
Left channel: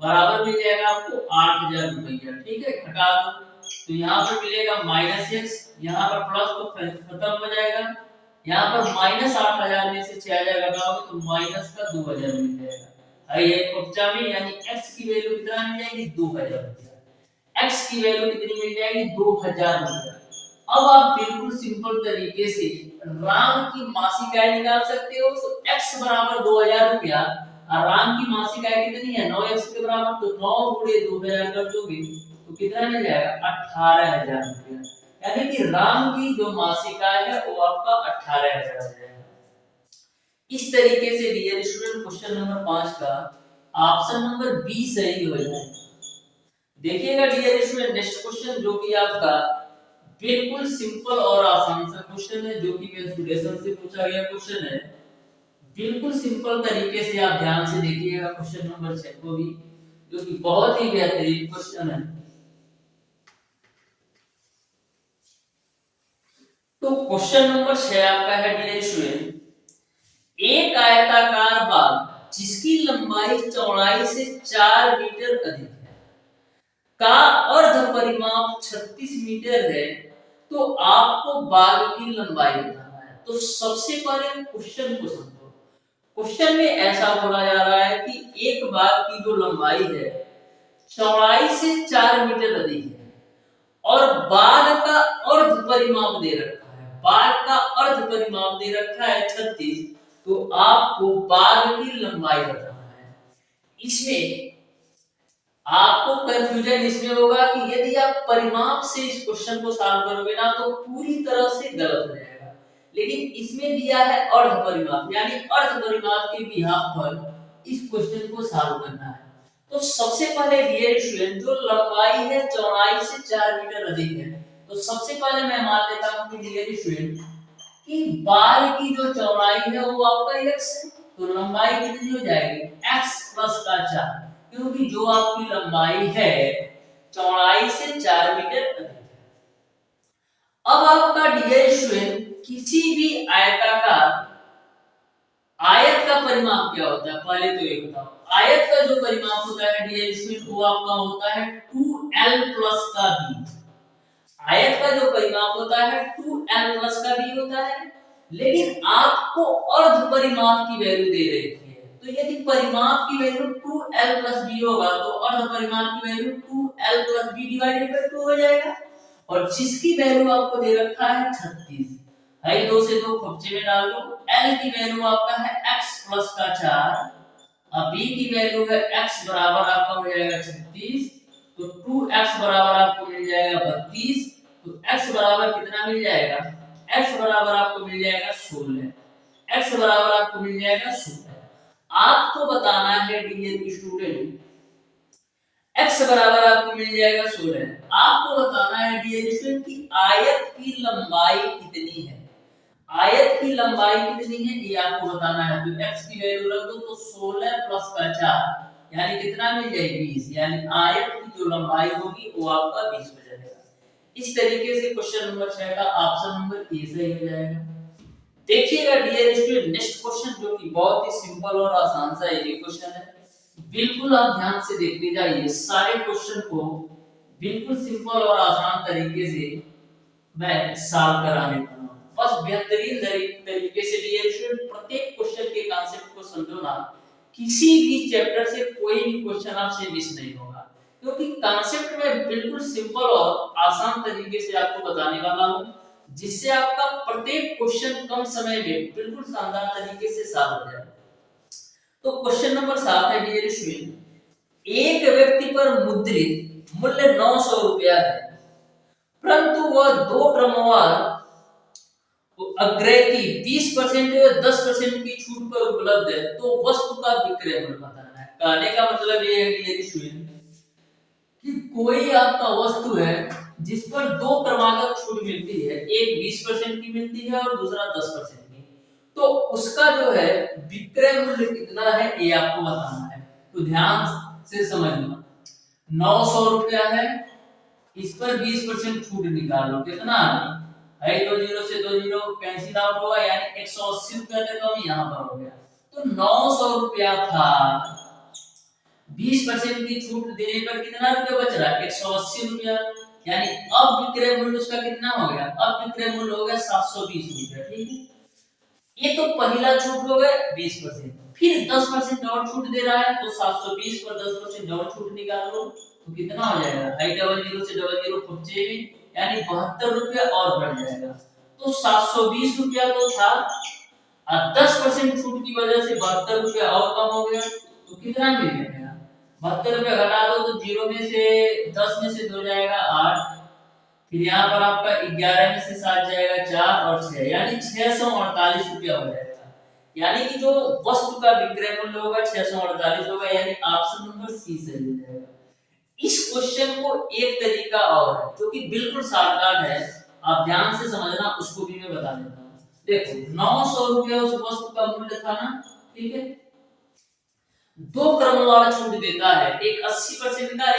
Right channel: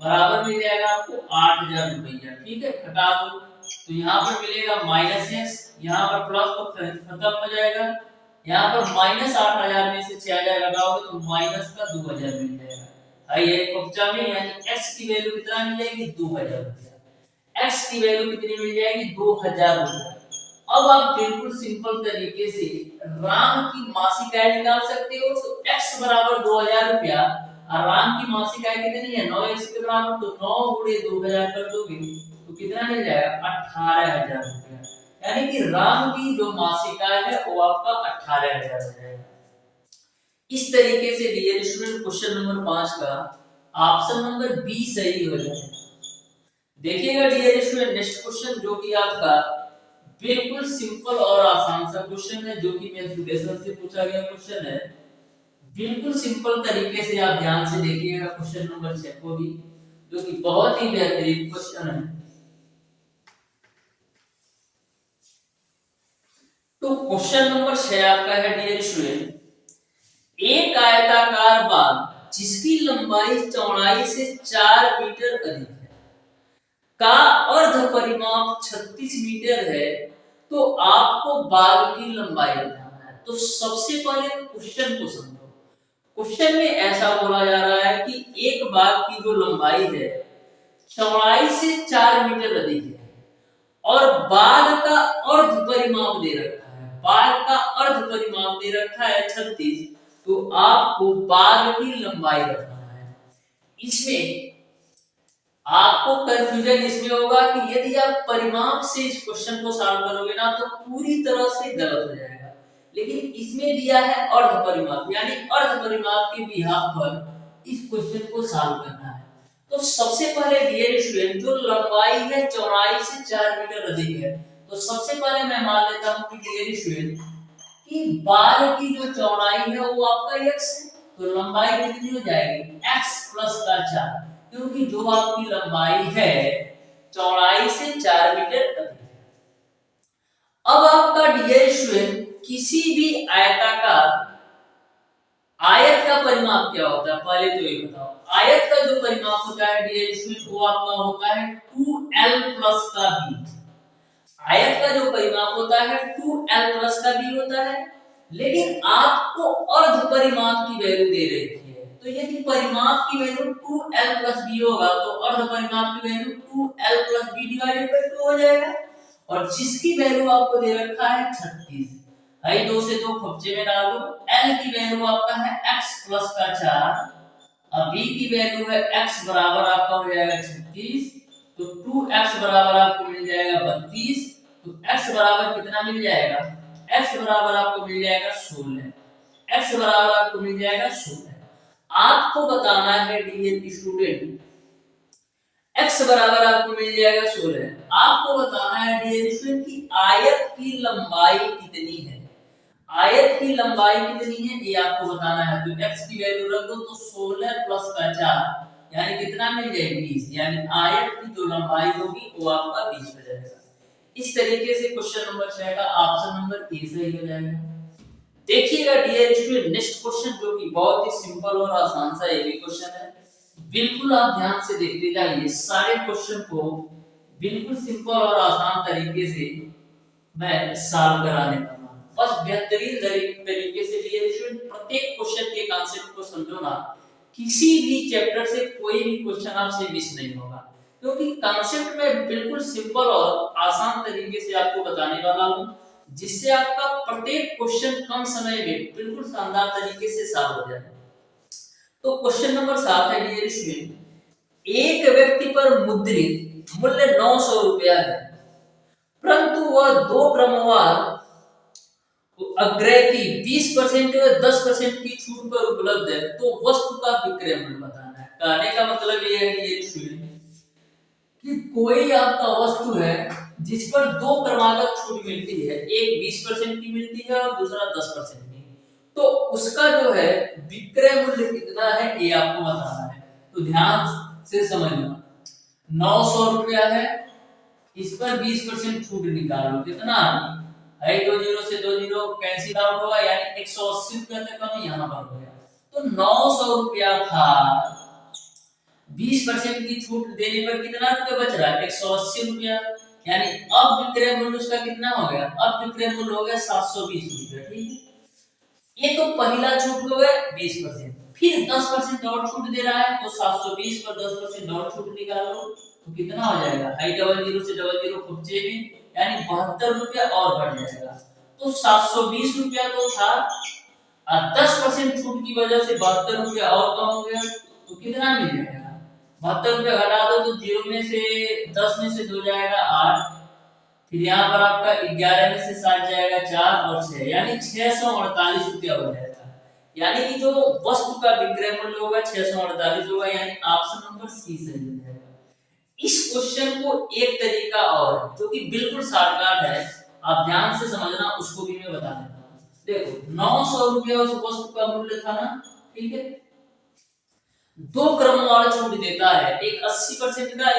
बराबर मिल जाएगा आपको 8,000 रुपया। ठीक है, घटा दो तो यहाँ पर मिलेगा माइनस x, यहाँ पर प्लस तो खत्म हो जाएगा। यहाँ पर माइनस 8,000 में से 6,000 घटाओगे तो माइनस का 2,000 मिल जाएगा। ये कक्षा में यानी x की वैल्यू कितना मिल जाएगी 2,000 रुपया। x की वैल्यू कितनी मिल जाएगी 2,000 रुपया। अब आप बिल्कुल सिंपल तरीके से राम की मासिक आय निकाल सकते हो। तो x बराबर 2,000 रुपया और राम की मासिक आय कितनी है 9x के बराबर, तो 9 गुणे 2,000 कर दोगे तो कितना मिल जाएगा 18,000 रुपया। यानी कि राम की जो मासिक आय है वो आपका 18,000 हो जाएगा। इस तरीके से डियर स्टूडेंट क्वेश्चन नंबर 5 का ऑप्शन नंबर बी सही हो जाएगा। देखिएगा डियर स्टूडेंट, नेक्स्ट क्वेश्चन जो कि आपका बिल्कुल सिंपल और आसान सा क्वेश्चन है, जो कि मेंसुरेशन से पूछा गया क्वेश्चन है। बिल्कुल सिंपल तरीके से आप ध्यान से देखिएगा क्वेश्चन नंबर 6 को भी, जो कि बहुत ही बेहतरीन क्वेश्चन है। तो क्वेश्चन नंबर 6 आपका है डियर स्टूडेंट, एक आयताकार बाग जिसकी लंबाई चौड़ाई से 4 मीटर अधिक है का अर्ध परिमाप 36 मीटर है, तो आपको बाग की लंबाई बताना है। तो सबसे पहले क्वेश्चन को समझो। क्वेश्चन में ऐसा बोला जा रहा है कि एक बाग की जो लंबाई है चौड़ाई से 4 मीटर अधिक है और बाग का अर्ध परिमाप दे रखा है, बाग का अर्ध परिमाप दे रखा है 36, तो आपको बाग की लंबाई बताना है। इसमें आपको कंफ्यूजन इसमें होगा कि यदि आप परिमाप से इस क्वेश्चन को सॉल्व करोगे ना तो पूरी तरह से गलत हो जाएगा, लेकिन इसमें दिया है अर्ध परिमाप, यानी अर्ध परिमाप के बिहाफ पर इस क्वेश्चन को सॉल्व करना है। तो सबसे पहले डियर स्टूडेंट, जो लंबाई है चौड़ाई से 4 मीटर अधिक है, तो सबसे पहले मैं मान लेता हूं कि डियर स्टूडेंट कि बार की जो चौड़ाई है वो आपका x है, तो लंबाई कितनी हो जाएगी x प्लस का 4, क्योंकि जो आपकी लंबाई है चौड़ाई से 4 मीटर अधिक है। अब आपका डियर स्टूडेंट किसी भी आयताकार आयत का परिमाप क्या होता है, पहले तो ये बताओ। आयत का जो परिमाप होता है डियर स्टूडेंट वो आपका होता है 2l प्लस का b। आयत का जो परिमाप होता है 2l प्लस का b होता है, लेकिन आपको अर्ध परिमाप की वैल्यू दे रखी है, तो यदि परिमाप की वैल्यू 2l प्लस b होगा तो अर्ध परिमाप की value 2l plus b divided by 2 हो जाएगा। और जिसकी वैल्यू आपको दे रखा है 36 है, 2 से 2 खर्चे में डाल दो। l की वैल्यू आपका है x प्लस का 4, अब b की वैल्यू है x बराबर आपका हो जाएगा 36, तो 2x बराबर आपको मिल जाएगा 32, तो x बराबर कितना मिल जाएगा, x बराबर आपको मिल जाएगा 16, x बराबर आपको मिल जाएगा 16। आपको बताना है डियर स्टूडेंट, x बराबर आपको मिल जाएगा 16, आपको बताना है डियर स्टूडेंट कि आयत की लंबाई कितनी है। आयत की लंबाई कितनी है ये आपको बताना है, तो x की वैल्यू रख दो, तो 16 प्लस का 4 यानी कितना मिल जाएगा 20, यानी आयत की जो लंबाई होगी वो आपका 20 हो जाएगा। इस तरीके से क्वेश्चन नंबर 6 का ऑप्शन नंबर ए सही हो जाएगा। देखिएगा डियर स्टूडेंट, नेक्स्ट क्वेश्चन जो कि बहुत ही सिंपल और आसान सा ये क्वेश्चन है, बिल्कुल आप ध्यान से देखते जाइए सारे क्वेश्चन को, बिल्कुल सिंपल और आसान तरीके से मैं सॉल्व कराने वाला हूं। बस बेहतरीन तरीके से डियर स्टूडेंट प्रत्येक क्वेश्चन के कॉन्सेप्ट को समझो ना, किसी भी चैप्टर से कोई भी क्वेश्चन आपसे मिस नहीं होगा, क्योंकि कॉन्सेप्ट में बिल्कुल सिंपल और आसान तरीके से आपको बताने वाला हूं, जिससे आपका प्रत्येक क्वेश्चन कम समय में बिल्कुल शानदार तरीके से सॉल्व हो जाए। तो क्वेश्चन नंबर 7 है डियर स्टूडेंट, एक व्यक्ति पर मुद्रित मूल्य 900 रुपया है, परंतु वह दो क्रमवार अग्रय की 20% व 10% की छूट पर उपलब्ध है, तो वस्तु का विक्रय मूल्य बताना है। कहने का मतलब ये है कि कोई आपका वस्तु है जिस पर दो क्रमागत छूट मिलती है, एक 20% की मिलती है और दूसरा 10% की, तो उसका जो है विक्रय मूल्य कितना है ये आपको बताना है। तो ध्यान से समझना, 900 रुपया है, इस पर 20% छूट निकालो, कितना है, 2 जीरो से 2 जीरो कैंसिल आउट होगा, यानी 180 रुपया तक कम यहाँ पर हो गया। तो 900 रुपया था, 20% की छूट देने पर कितना रुपया बच रहा है, 180 रुपया, यानी अब विक्रय मूल्य उसका कितना हो गया, अब विक्रय मूल्य हो गया 720 रुपया। ठीक है, ये तो पहला छूट हो गया 20%, फिर 10% और छूट दे रहा है, तो 720 पर 10% और छूट निकाल लो, तो कितना हो जाएगा, आई डबल जीरो से डबल जीरो खुच्चे में, यानी 72 रुपया और बढ़ जाएगा। तो 720 रुपया तो था, और 10% छूट की वजह से 72 रुपया और कम हो गया, तो कितना मिल जाएगा, 72 रुपया घटा दो तो 0 में से 10 में से 2 जाएगा 8, फिर यहाँ पर आपका 11 में से 7 जाएगा 4 और 6, यानी 648 रुपया हो जाएगा। यानी कि जो वस्तु का विक्रय मूल्य होगा 648 होगा, यानी ऑप्शन नंबर सी सही हो जाएगा। इस क्वेश्चन को एक तरीका और है जो कि बिल्कुल शॉर्टकट है, आप ध्यान से समझना, उसको भी मैं बता देता हूँ। देखो 900 रुपया उस वस्तु का मूल्य था ना, ठीक है, दो क्रम वाला छूट देता है, एक 80% का,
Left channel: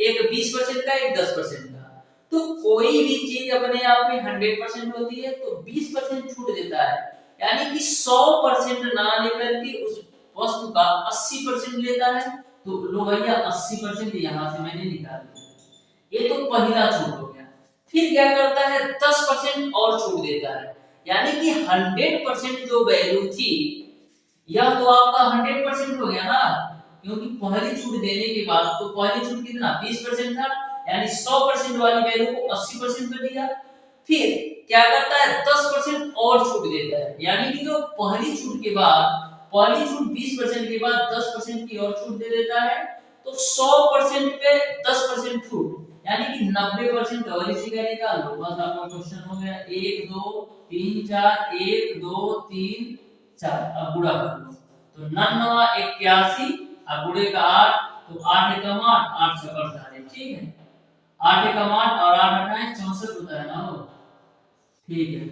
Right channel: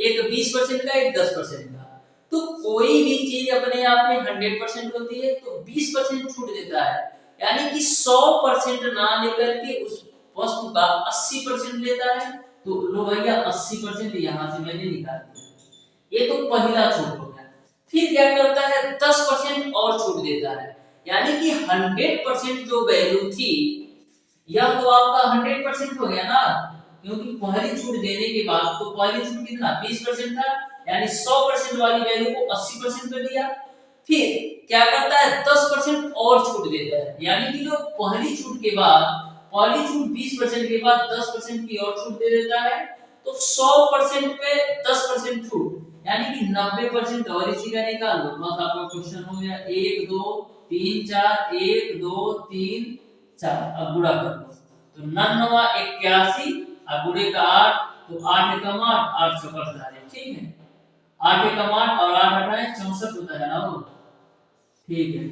एक 20% का, एक 10% का। तो कोई भी चीज अपने आप में 100% होती है तो 20% छूट देता है, यानी कि 100% ना लेकर के उस वस्तु का 80% लेता है। तो लो भैया 80% यहां से मैंने निकाल दिया, ये तो पहला छूट हो गया। फिर क्या करता है, 10% और छूट देता है, यानी कि 100% जो वैल्यू थी, यह तो आपका 100% हो गया ना, क्योंकि पहली छूट देने के बाद, तो पहली छूट कितना 20% था, यानी 100% वाली वैल्यू को 80% पे दिया। फिर क्या करता है, 10% और छूट देता है, यानी कि जो पहली छूट के बाद, पहली छूट 20% के बाद 10% की और छूट दे देता है, तो 100% पे 10% छूट, यानी कि 90% और इसी का निकाल लो, बस आपका क्वेश्चन हो गया। 1 2 3 4, 1 2 3 4, अब गुणा कर लो, तो 99 81 और गुणे का 8, तो 8 एकम 8, 8 चौका 48, ठीक है, 8 एकम 8 और 8 हटाए 64 होता है ना वो, ठीक है,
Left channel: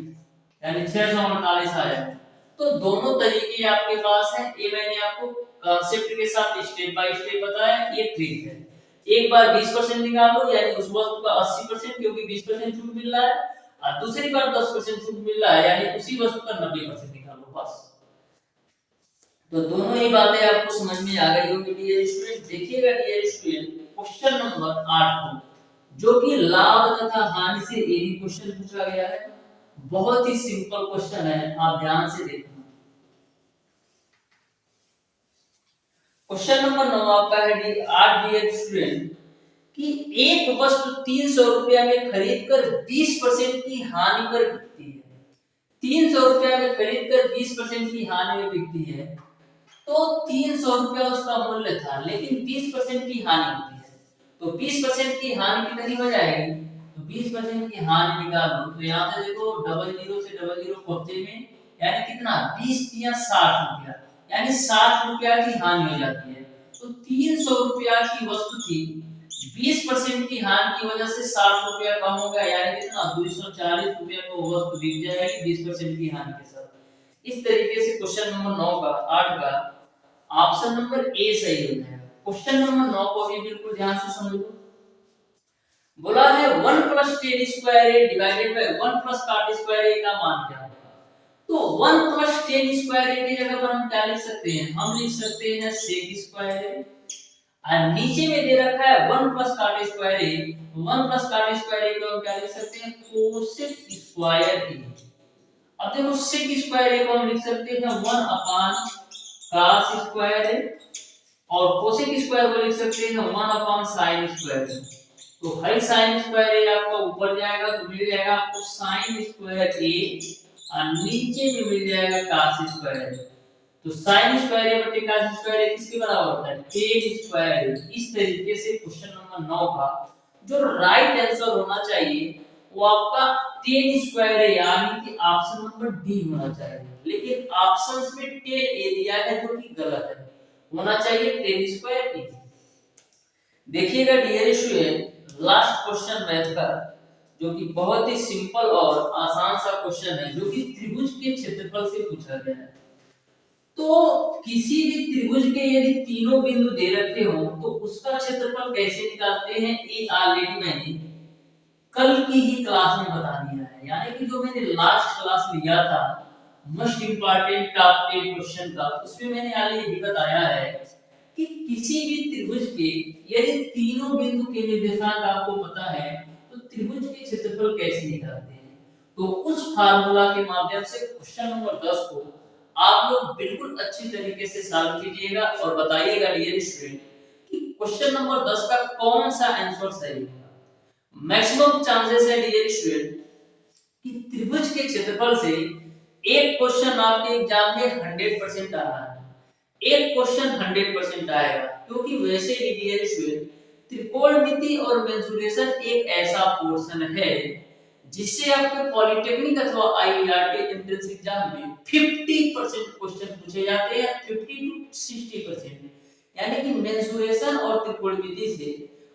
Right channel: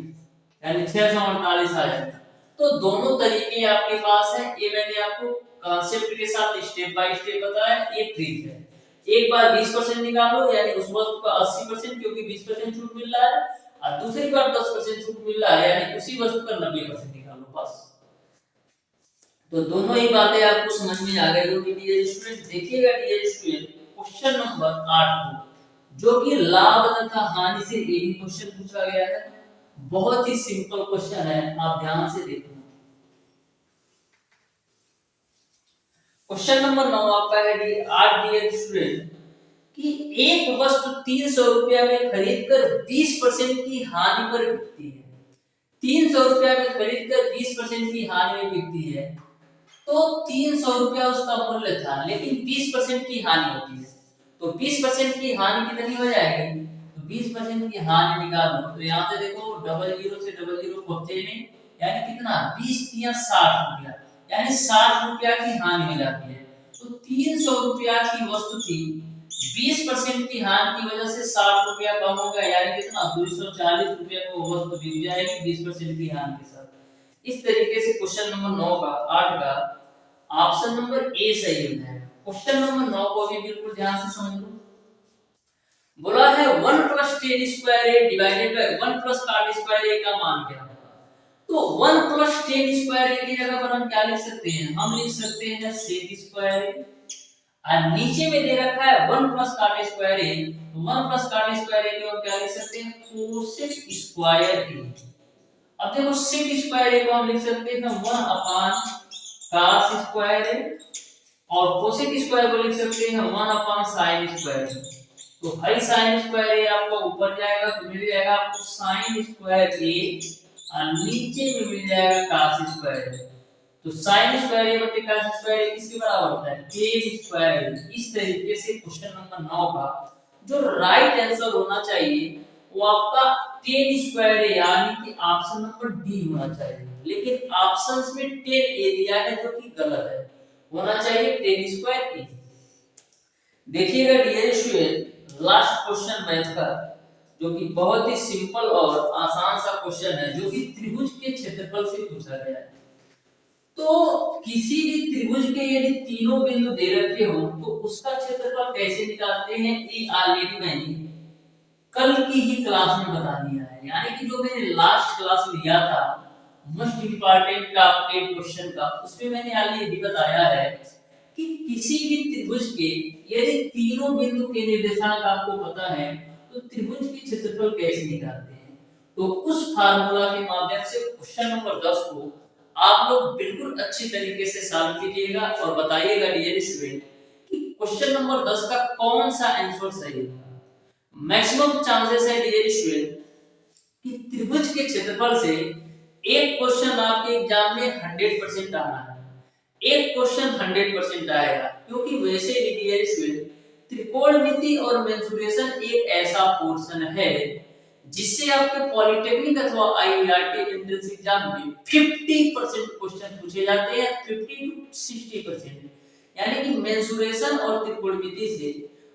यानी 648 आ जाएगा। तो दोनों तरीके आपके पास है, ये मैंने आपको कांसेप्ट के साथ स्टेप बाय स्टेप बताया, ये ट्रिक है। एक बार 20% निकालो, यानी उस वस्तु का 80%, क्योंकि 20% छूट मिल रहा है, और दूसरी बार 10% छूट मिल रहा है, यानी उसी वस्तु का 90% निकालो, बस। तो दोनों ही बातें आपको समझ में आ गई होगी डियर स्टूडेंट। देखिएगा डियर स्टूडेंट, क्वेश्चन नंबर 8 को, जो कि लाभ तथा हानि से एक क्वेश्चन पूछा गया है, बहुत ही सिंपल क्वेश्चन है, आप ध्यान से देखो। क्वेश्चन नंबर 9 आपका है 8 डियर स्टूडेंट, कि एक वस्तु 300 रुपया में खरीद कर 20% की हानि पर बिकती है। 300 रुपया में खरीद कर 20% की हानि में बिकती है, तो 300 रुपया उसका मूल्य था, लेकिन 20% की हानि होती है, तो 20% की हानि कितनी हो जाएगी, तो 20% की हानि निकालो, तो यहाँ से देखो डबल जीरो से डबल जीरो पहुंचे में, यानी कितना 20 या 60 रुपया, यानी 60 रुपया की हानि हो जाती है। तो 300 रुपया की वस्तु थी, 20% की हानि की वजह से 60 रुपया कम होगा, यानी कितना 240 रुपया को वस्तु बिक जाएगी 20% की हानि के साथ। इस तरीके से क्वेश्चन नंबर 9 का 8 का ऑप्शन नंबर ए सही हो जाएगा। क्वेश्चन नंबर 9 को भी बिल्कुल ध्यान से समझो। बोला है 1 plus tan square a divided by 1 plus cot square a का मान क्या होगा। तो 1 प्लस tan स्क्वायर a की जगह पर हम क्या लिख सकते हैं, हम लिख सकते हैं sec स्क्वायर a, और नीचे में दे रखा है 1 plus cot square a, 1 plus cot square a को हम क्या लिख सकते हैं, cosec स्क्वायर a। अब देखो sec स्क्वायर a को हम लिख सकते हैं 1 अपान cos स्क्वायर a, और कोसेक स्क्वायर को लिख सकते हैं 1 अपान साइन स्क्वायर। तो हाई साइन स्क्वायर ए आपको ऊपर जाएगा तो मिल जाएगा आपको साइन स्क्वायर ए, और नीचे में मिल जाएगा cos स्क्वायर। तो साइन स्क्वायर ए बटे cos स्क्वायर ए किसके बराबर होता है, tan स्क्वायर। इस तरीके से क्वेश्चन नंबर 9 का जो राइट आंसर होना चाहिए वो आपका tan स्क्वायर ए, यानी कि ऑप्शन नंबर डी होना चाहिए, लेकिन ऑप्शंस में tan ए दिया है जो कि गलत है, होना चाहिए tan स्क्वायर ए। देखिएगा dear student, last question math का, जो कि बहुत ही सिंपल और आसान सा क्वेश्चन है, जो कि त्रिभुज के क्षेत्रफल से पूछा गया है। तो किसी भी त्रिभुज के यदि तीनों बिंदु दे रखे हो तो उसका क्षेत्रफल कैसे निकालते हैं, ये ऑलरेडी मैंने कल की ही क्लास में बता दिया है, यानी कि जो मैंने लास्ट क्लास लिया था मोस्ट इंपॉर्टेंट टॉप 10 क्वेश्चन का, उसमें मैंने ऑलरेडी बताया है कि किसी भी त्रिभुज के यदि तीनों बिंदु के निर्देशांक आपको पता है तो त्रिभुज के क्षेत्रफल कैसे निकालते हैं। तो उस फार्मूला के माध्यम से क्वेश्चन नंबर 10 को आप लोग बिल्कुल अच्छी तरीके से सॉल्व कीजिएगा और बताइएगा डियर स्टूडेंट कि क्वेश्चन नंबर 10 का कौन सा आंसर सही होगा। मैक्सिमम चांसेस है डियर स्टूडेंट कि त्रिभुज के क्षेत्रफल से एक क्वेश्चन आपके एग्जाम में 100% आना है, एक क्वेश्चन 100% आएगा, क्योंकि वैसे ही डियर स्टूडेंट त्रिकोणमिति और मेंसुरेशन एक ऐसा पोर्शन है जिससे आपके पॉलिटेक्निक अथवा आईआईटी एंट्रेंस एग्जाम में 50% क्वेश्चन पूछे जाते हैं, 50 to 60%। यानी कि मेंसुरेशन और त्रिकोणमिति से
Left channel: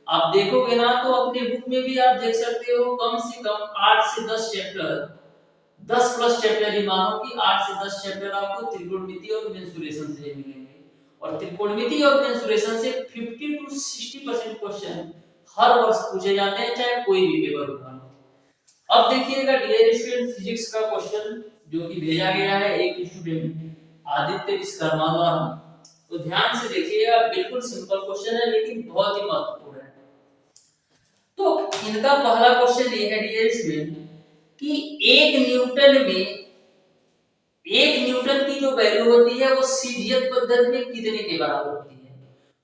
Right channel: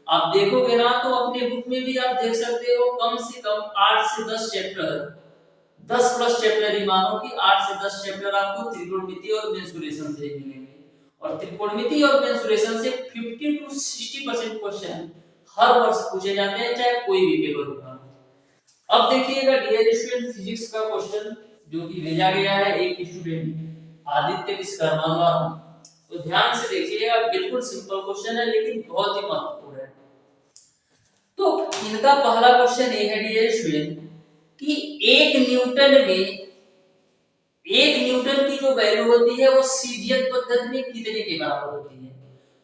आप देखोगे ना तो अपने बुक में भी आप देख सकते हो कम से कम 8 से 10 चैप्टर, 10 प्लस चैप्टर ही मानो कि 8 से 10 चैप्टर आपको त्रिकोणमिति और मेंसुरेशन से मिलेंगे। और त्रिकोणमिति और मेंसुरेशन से 50 to 60% क्वेश्चन हर वर्ष पूछे जाते हैं, चाहे कोई भी पेपर उठा लो। अब देखिएगा डियर स्टूडेंट, फिजिक्स का क्वेश्चन जो कि भेजा गया है एक स्टूडेंट आदित्य विश्वकर्मा द्वारा। तो ध्यान से देखिएगा, बिल्कुल सिंपल क्वेश्चन है लेकिन बहुत ही महत्वपूर्ण है। तो इनका पहला क्वेश्चन ये है डियर स्टूडेंट कि एक न्यूटन की जो वैल्यू होती है वो सीजीएस पद्धति में कितने के बराबर होती है।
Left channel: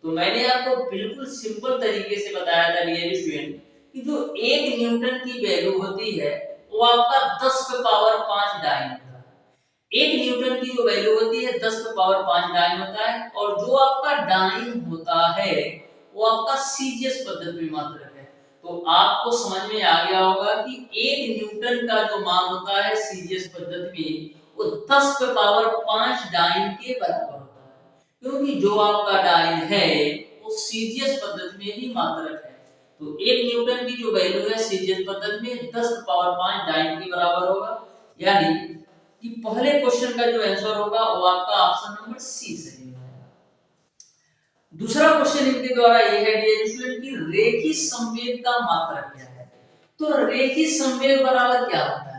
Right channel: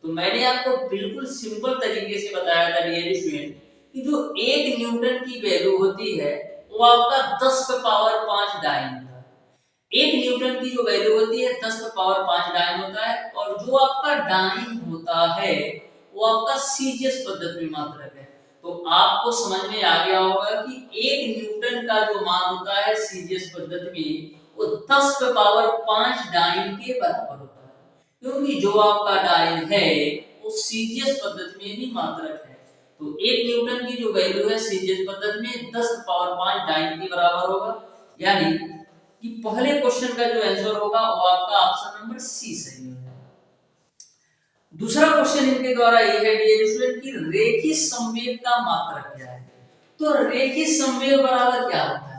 तो मैंने आपको बिल्कुल सिंपल तरीके से बताया था डियर स्टूडेंट कि जो एक न्यूटन की वैल्यू होती है वो आपका 10 पे पावर 5 डाइन होता है। एक न्यूटन की जो वैल्यू होती है 10 पे पावर 5 डाइन होता है, और जो आपका डाइन होता है वो आपका सीजीएस पद्धति में मात्रक है। तो आपको समझ में आ गया होगा कि एक न्यूटन का जो मान होता है सीजीएस पद्धति में वो 10 पे पावर 5 डाइन के बराबर होता है, क्योंकि जो आपका डाइन है वो सीजीएस पद्धति में ही मात्रक है। तो एक न्यूटन की जो वैल्यू है सीजीएस पद्धति में 10 पे पावर 5 डाइन के बराबर होगा। यानी कि पहले क्वेश्चन का जो आंसर होगा वो आपका ऑप्शन नंबर सी सही है। दूसरा क्वेश्चन इनके द्वारा ये है डियर स्टूडेंट कि रेखीय संवेग का मात्रक क्या है। तो रेखीय संवेग बराबर क्या होता है?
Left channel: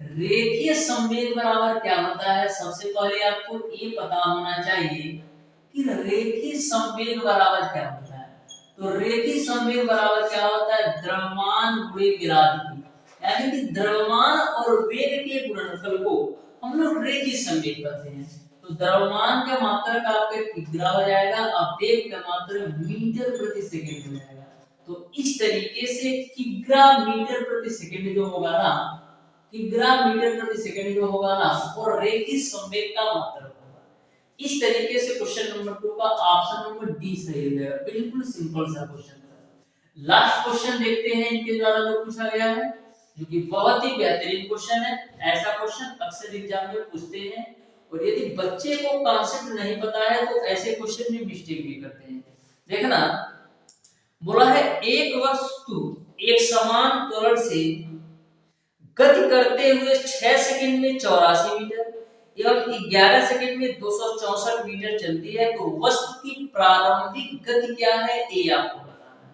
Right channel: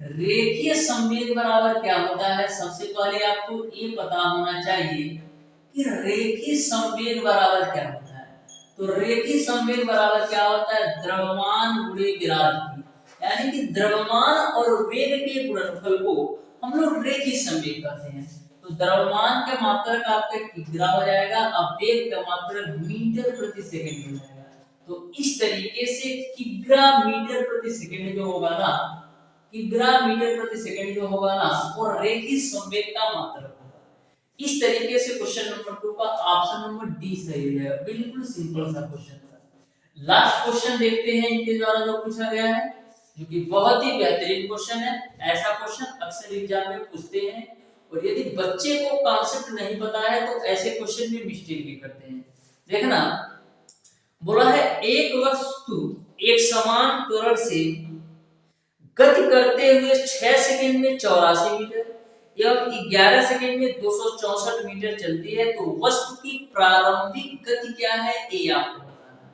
रेखीय संवेग बराबर क्या होता है, सबसे पहले आपको ये पता होना चाहिए कि रेखीय संवेग बराबर क्या होता है। तो रेखीय संवेग बराबर क्या होता है? द्रव्यमान गुणे वेग। यानी कि द्रव्यमान और वेग के गुणनफल को हम लोग रेखीय संवेग कहते हैं। तो द्रव्यमान का मात्रक आपका किग्रा हो जाएगा, अब वेग का मात्रक मीटर प्रति सेकंड हो जाएगा। तो इस तरीके से किग्रा मीटर प्रति सेकंड जो होगा ना, किग्रा मीटर प्रति सेकंड जो होगा ना वो रेखीय संवेग का मात्रक होगा। इस तरीके से क्वेश्चन नंबर 2 का ऑप्शन नंबर डी सही हो जाएगा। बिल्कुल सिंपल सा क्वेश्चन था। लास्ट क्वेश्चन देखते हैं इनके द्वारा जो पूछा गया है, जो कि बहुत ही बेहतरीन क्वेश्चन है। ऐसा क्वेश्चन अक्सर एग्जाम में पूछते हैं, और यदि बच्चे को कॉन्सेप्ट नहीं पता है तो ऐसे क्वेश्चन में मिस्टेक भी करते हैं। देखना, बोला है एक वस्तु एक समान त्वरण से गति करते हुए 6 सेकंड में 84 मीटर एवं 11 सेकंड में 264 मीटर चलती है, तो वस्तु की प्रारंभिक गति क्या है ये आपको बताना है।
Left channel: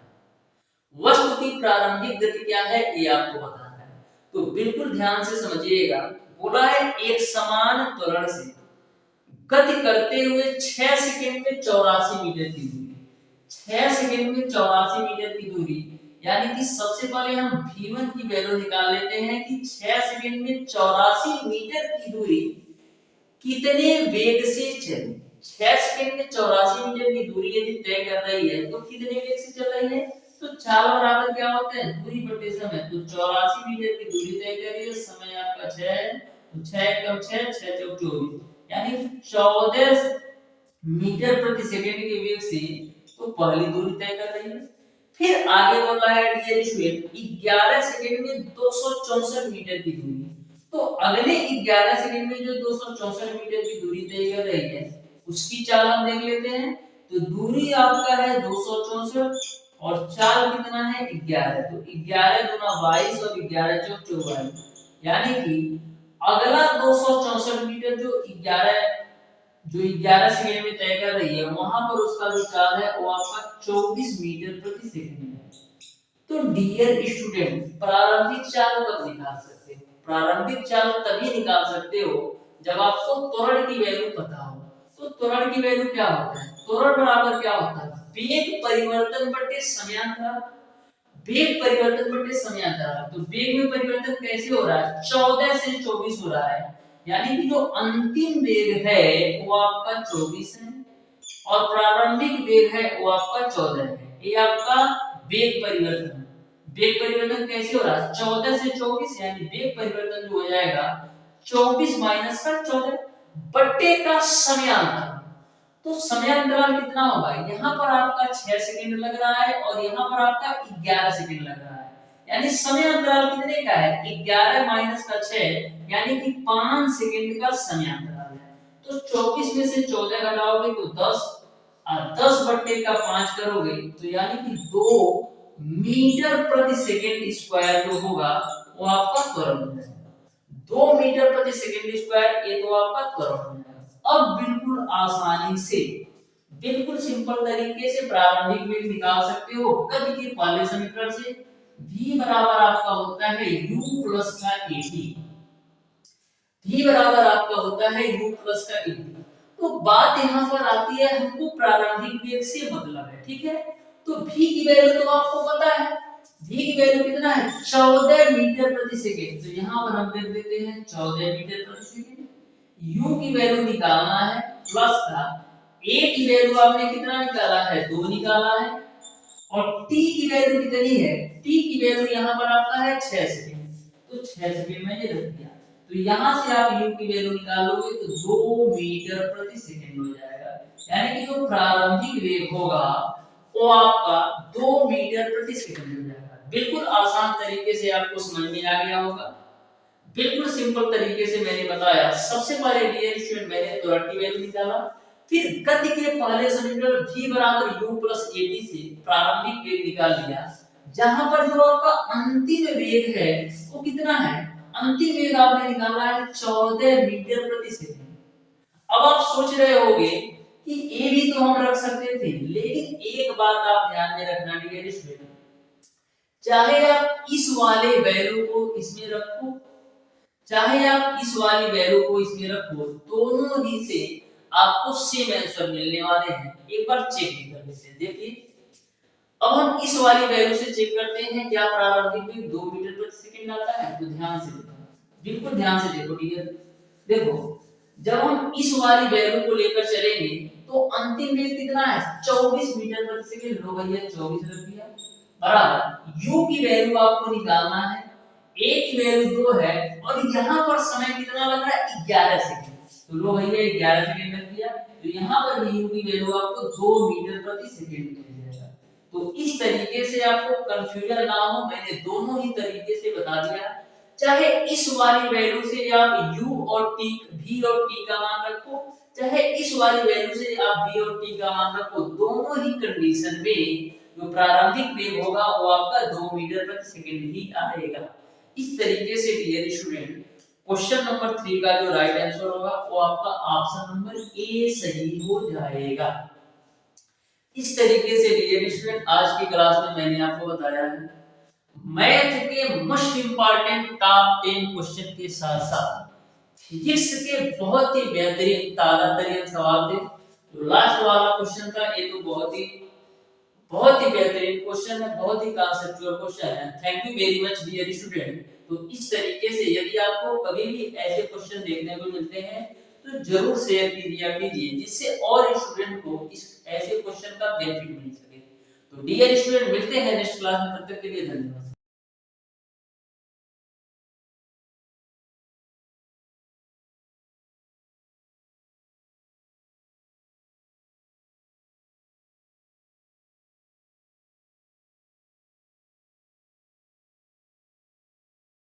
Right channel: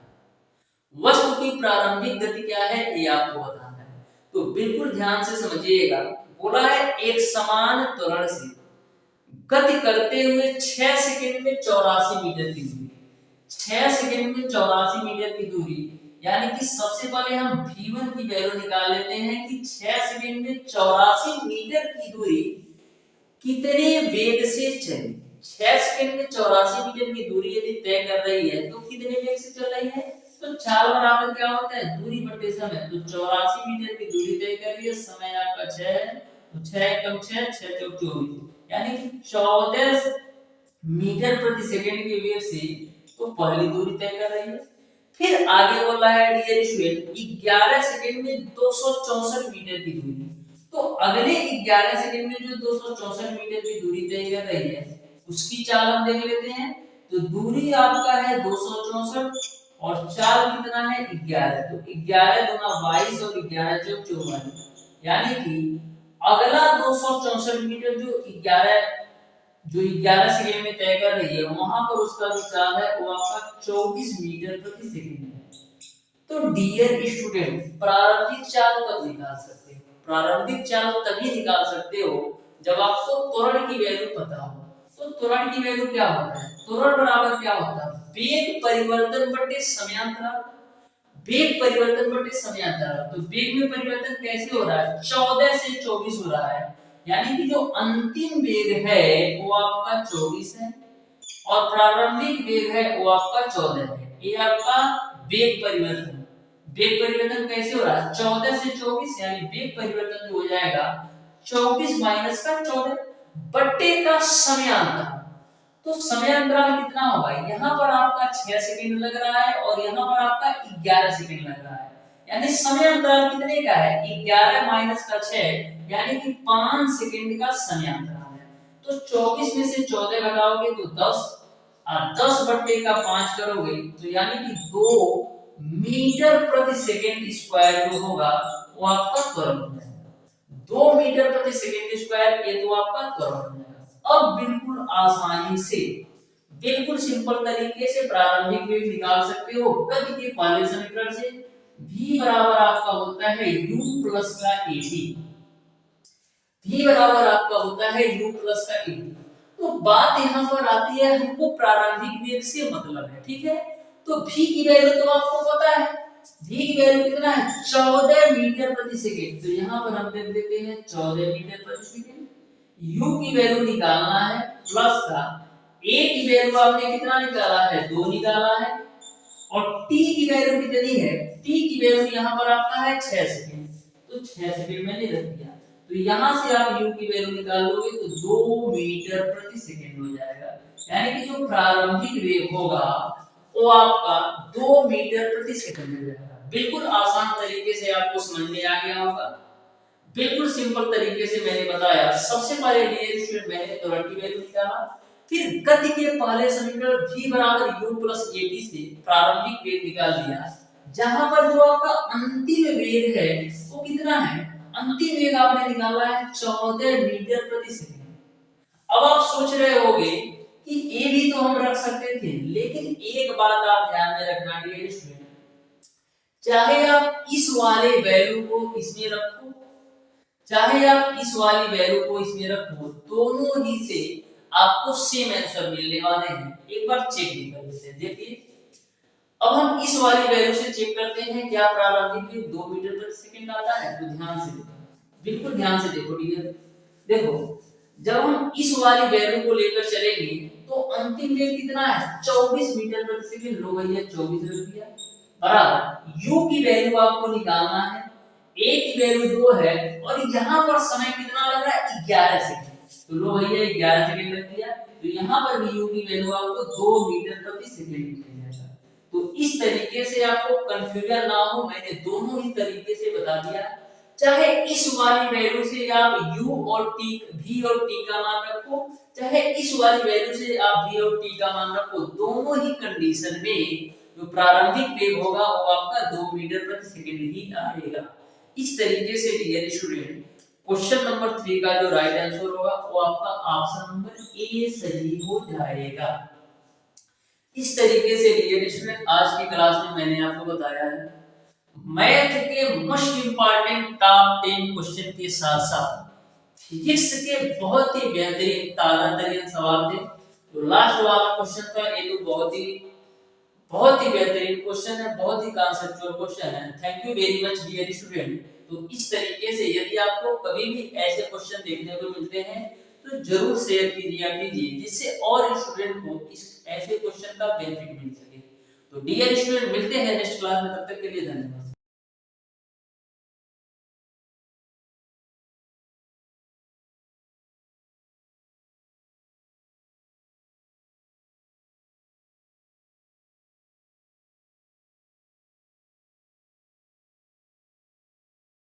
वस्तु की प्रारंभिक गति क्या है ये आपको बताना है। तो बिल्कुल ध्यान से समझिएगा। बोला है एक समान त्वरण से गति करते हुए 6 सेकंड में 84 मीटर की दूरी, 6 सेकंड में 84 मीटर की दूरी। यानी कि सबसे पहले हम v1 की वैल्यू निकाल लेते हैं कि 6 सेकंड में 84 मीटर की दूरी कितने वेग से चली। 6 सेकंड में 84 मीटर की दूरी यदि तय कर रही है तो कितने वेग से चल रही है। तो चाल बराबर क्या होता है, दूरी बटे समय। तो 84 मीटर की दूरी तय कर रही है, समय आपका 6, तो 6 कम 6 6 चौक 24, यानी 14 मीटर प्रति सेकंड के वेग से तो पहली दूरी तय कर रही है। फिर आगे बोला है डियर स्टूडेंट 11 सेकंड में 264 मीटर की दूरी। तो अगले 11 सेकंड में जो 264 मीटर की दूरी तय कर रही है उसकी चाल हम देख लेते हैं। तो दूरी आपका है 264 और चाल कितना है 11। तो 11 दूना 22 और 11 चौक 44, यानी कि अगला 264 मीटर जो 11 सेकंड में तय कर रही है वहां पर उसका जो चाल है वो आपका 24 मीटर प्रति सेकंड है। तो डियर स्टूडेंट, प्रारंभिक चाल कब निकाल सकते हो? प्रारंभिक चाल तभी निकाल सकते हो जब आपको त्वरण की वैल्यू पता हो। तो त्वरण की वैल्यू क्या होता है? त्वरण बराबर क्या होता है? वेग परिवर्तन बटे समयांतराल। वेग परिवर्तन बटे समयांतराल। तो वेग में परिवर्तन कैसे हो रहा है? 14 से 24 हो रहा है, यानी कि जो अंतिम वेग है वो आपका 24 है और प्रारंभिक वेग है वो आपका 14 है। ये आपका वेग परिवर्तन। वेग परिवर्तन कैसे हो रहा है? 14 से 24, यानी वेग परिवर्तन जो हो जाएगा 24 माइनस का 14 बट्टे का समयांतराल। तो समयांतराल कितना होगा? यहाँ पर आपका 6 सेकंड लग रहा है और यहाँ पर आपका 11 सेकंड लग रहा है, यानी समय अंतराल कितने का है 11 माइनस का 6 यानी कि 5 सेकंड का समय अंतराल है। तो 24 में से 14 घटाओगे तो 10 और 10 बट्टे का 5 करोगे तो यानी कि 2 मीटर प्रति सेकंड स्क्वायर जो होगा वो आपका त्वरण हो जाएगा। 2 मीटर प्रति सेकंड स्क्वायर ये तो आपका त्वरण हो जाएगा। अब बिल्कुल आसानी से बिल्कुल सिंपल तरीके से प्रारंभिक वेग निकाल सकते हो गति के पहले समीकरण से। v बराबर आपका होता है u प्लस का at। v बराबर आपका होता है u प्लस का at। तो बात यहाँ पर आती है हमको प्रारंभिक वेग से मतलब है, ठीक है। तो v की वैल्यू तो आपको पता है, v की वैल्यू कितना है 14 मीटर प्रति सेकंड। तो यहाँ पर हम लिख देते हैं 14 मीटर प्रति सेकंड। u की वैल्यू निकालना है प्लस का a की वैल्यू आपने कितना निकाला है 2 निकाला है और t की वैल्यू कितनी है t की वैल्यू यहाँ पर आपका है 6 सेकंड। तो 6 सेकंड मैंने रख दिया। तो यहाँ से आप u की वैल्यू निकालोगे तो 2 मीटर प्रति सेकंड हो जाएगा। यानी कि जो प्रारंभिक वेग होगा वो आपका 2 मीटर प्रति सेकंड हो जाएगा। बिल्कुल आसान तरीके से आपको समझ में आ गया होगा। बिल्कुल सिंपल तरीके से मैंने बताया। सबसे पहले डियर स्टूडेंट मैंने त्वरण की वैल्यू निकाला, फिर गति के पहले समीकरण v बराबर u प्लस at से प्रारंभिक वेग निकाल दिया, जहां पर जो आपका अंतिम वेग है वो कितना है, अंतिम वेग आपने निकाला है 14 मीटर प्रति सेकंड। अब आप सोच रहे होंगे कि ये भी तो हम रख सकते थे, लेकिन एक बात आप ध्यान में रखना डियर स्टूडेंट, चाहे आप इस वाले वैल्यू को इसमें रखो चाहे आप इस वाली वैल्यू को इसमें रखो, दोनों ही से आपको सेम आंसर मिलने वाले हैं। एक बार चेक भी कर लेते हैं। देखिए अब हम इस वाली वैल्यू से चेक करते हैं क्या प्रारंभिक वेग 2 मीटर प्रति सेकंड आता है। तो ध्यान से देखो, बिल्कुल ध्यान से देखो डियर। देखो जब हम इस वाली वैल्यू को लेकर चलेंगे तो अंतिम वेग कितना है 24 मीटर प्रति सेकंड। लो भैया 24 रख दिया बराबर u की वैल्यू आपको निकालना है, a की वैल्यू 2 है और यहाँ पर समय कितना लग रहा है 11 सेकंड। तो लो भैया 11 सेकंड रख दिया। तो यहाँ पर भी u की वैल्यू आपको 2 मीटर प्रति सेकंड मिल जाएगा। तो इस तरीके से आपको कंफ्यूजन ना हो, मैंने दोनों ही तरीके से बता दिया। चाहे इस वाली वैल्यू से आप u और t v और t का मान रखो, चाहे इस वाली वैल्यू से आप v और t का मान रखो, दोनों ही कंडीशन में जो प्रारंभिक वेग होगा वो आपका 2 मीटर प्रति सेकंड ही आएगा। इस तरीके से डियर स्टूडेंट क्वेश्चन नंबर 3 का जो राइट आंसर होगा वो आपका ऑप्शन नंबर ए सही हो जाएगा। इस तरीके से डियर स्टूडेंट आज की क्लास में मैंने आपको बताया है मैथ के मोस्ट इंपॉर्टेंट टॉप 10 क्वेश्चन के साथ साथ फिजिक्स के बहुत ही बेहतरीन तारांतरीय सवाल थे। जो लास्ट वाला क्वेश्चन था ये तो बहुत ही बेहतरीन क्वेश्चन है, बहुत ही कॉन्सेप्चुअल क्वेश्चन है। Thank you very much dear student. तो इस तरीके से यदि आपको कभी भी ऐसे क्वेश्चन देखने को मिलते हैं तो जरूर शेयर कीजिए जिससे और स्टूडेंट को इस ऐसे क्वेश्चन का बेनिफिट मिल सके। तो डियर स्टूडेंट मिलते हैं नेक्स्ट क्लास में, तब तक के लिए धन्यवाद।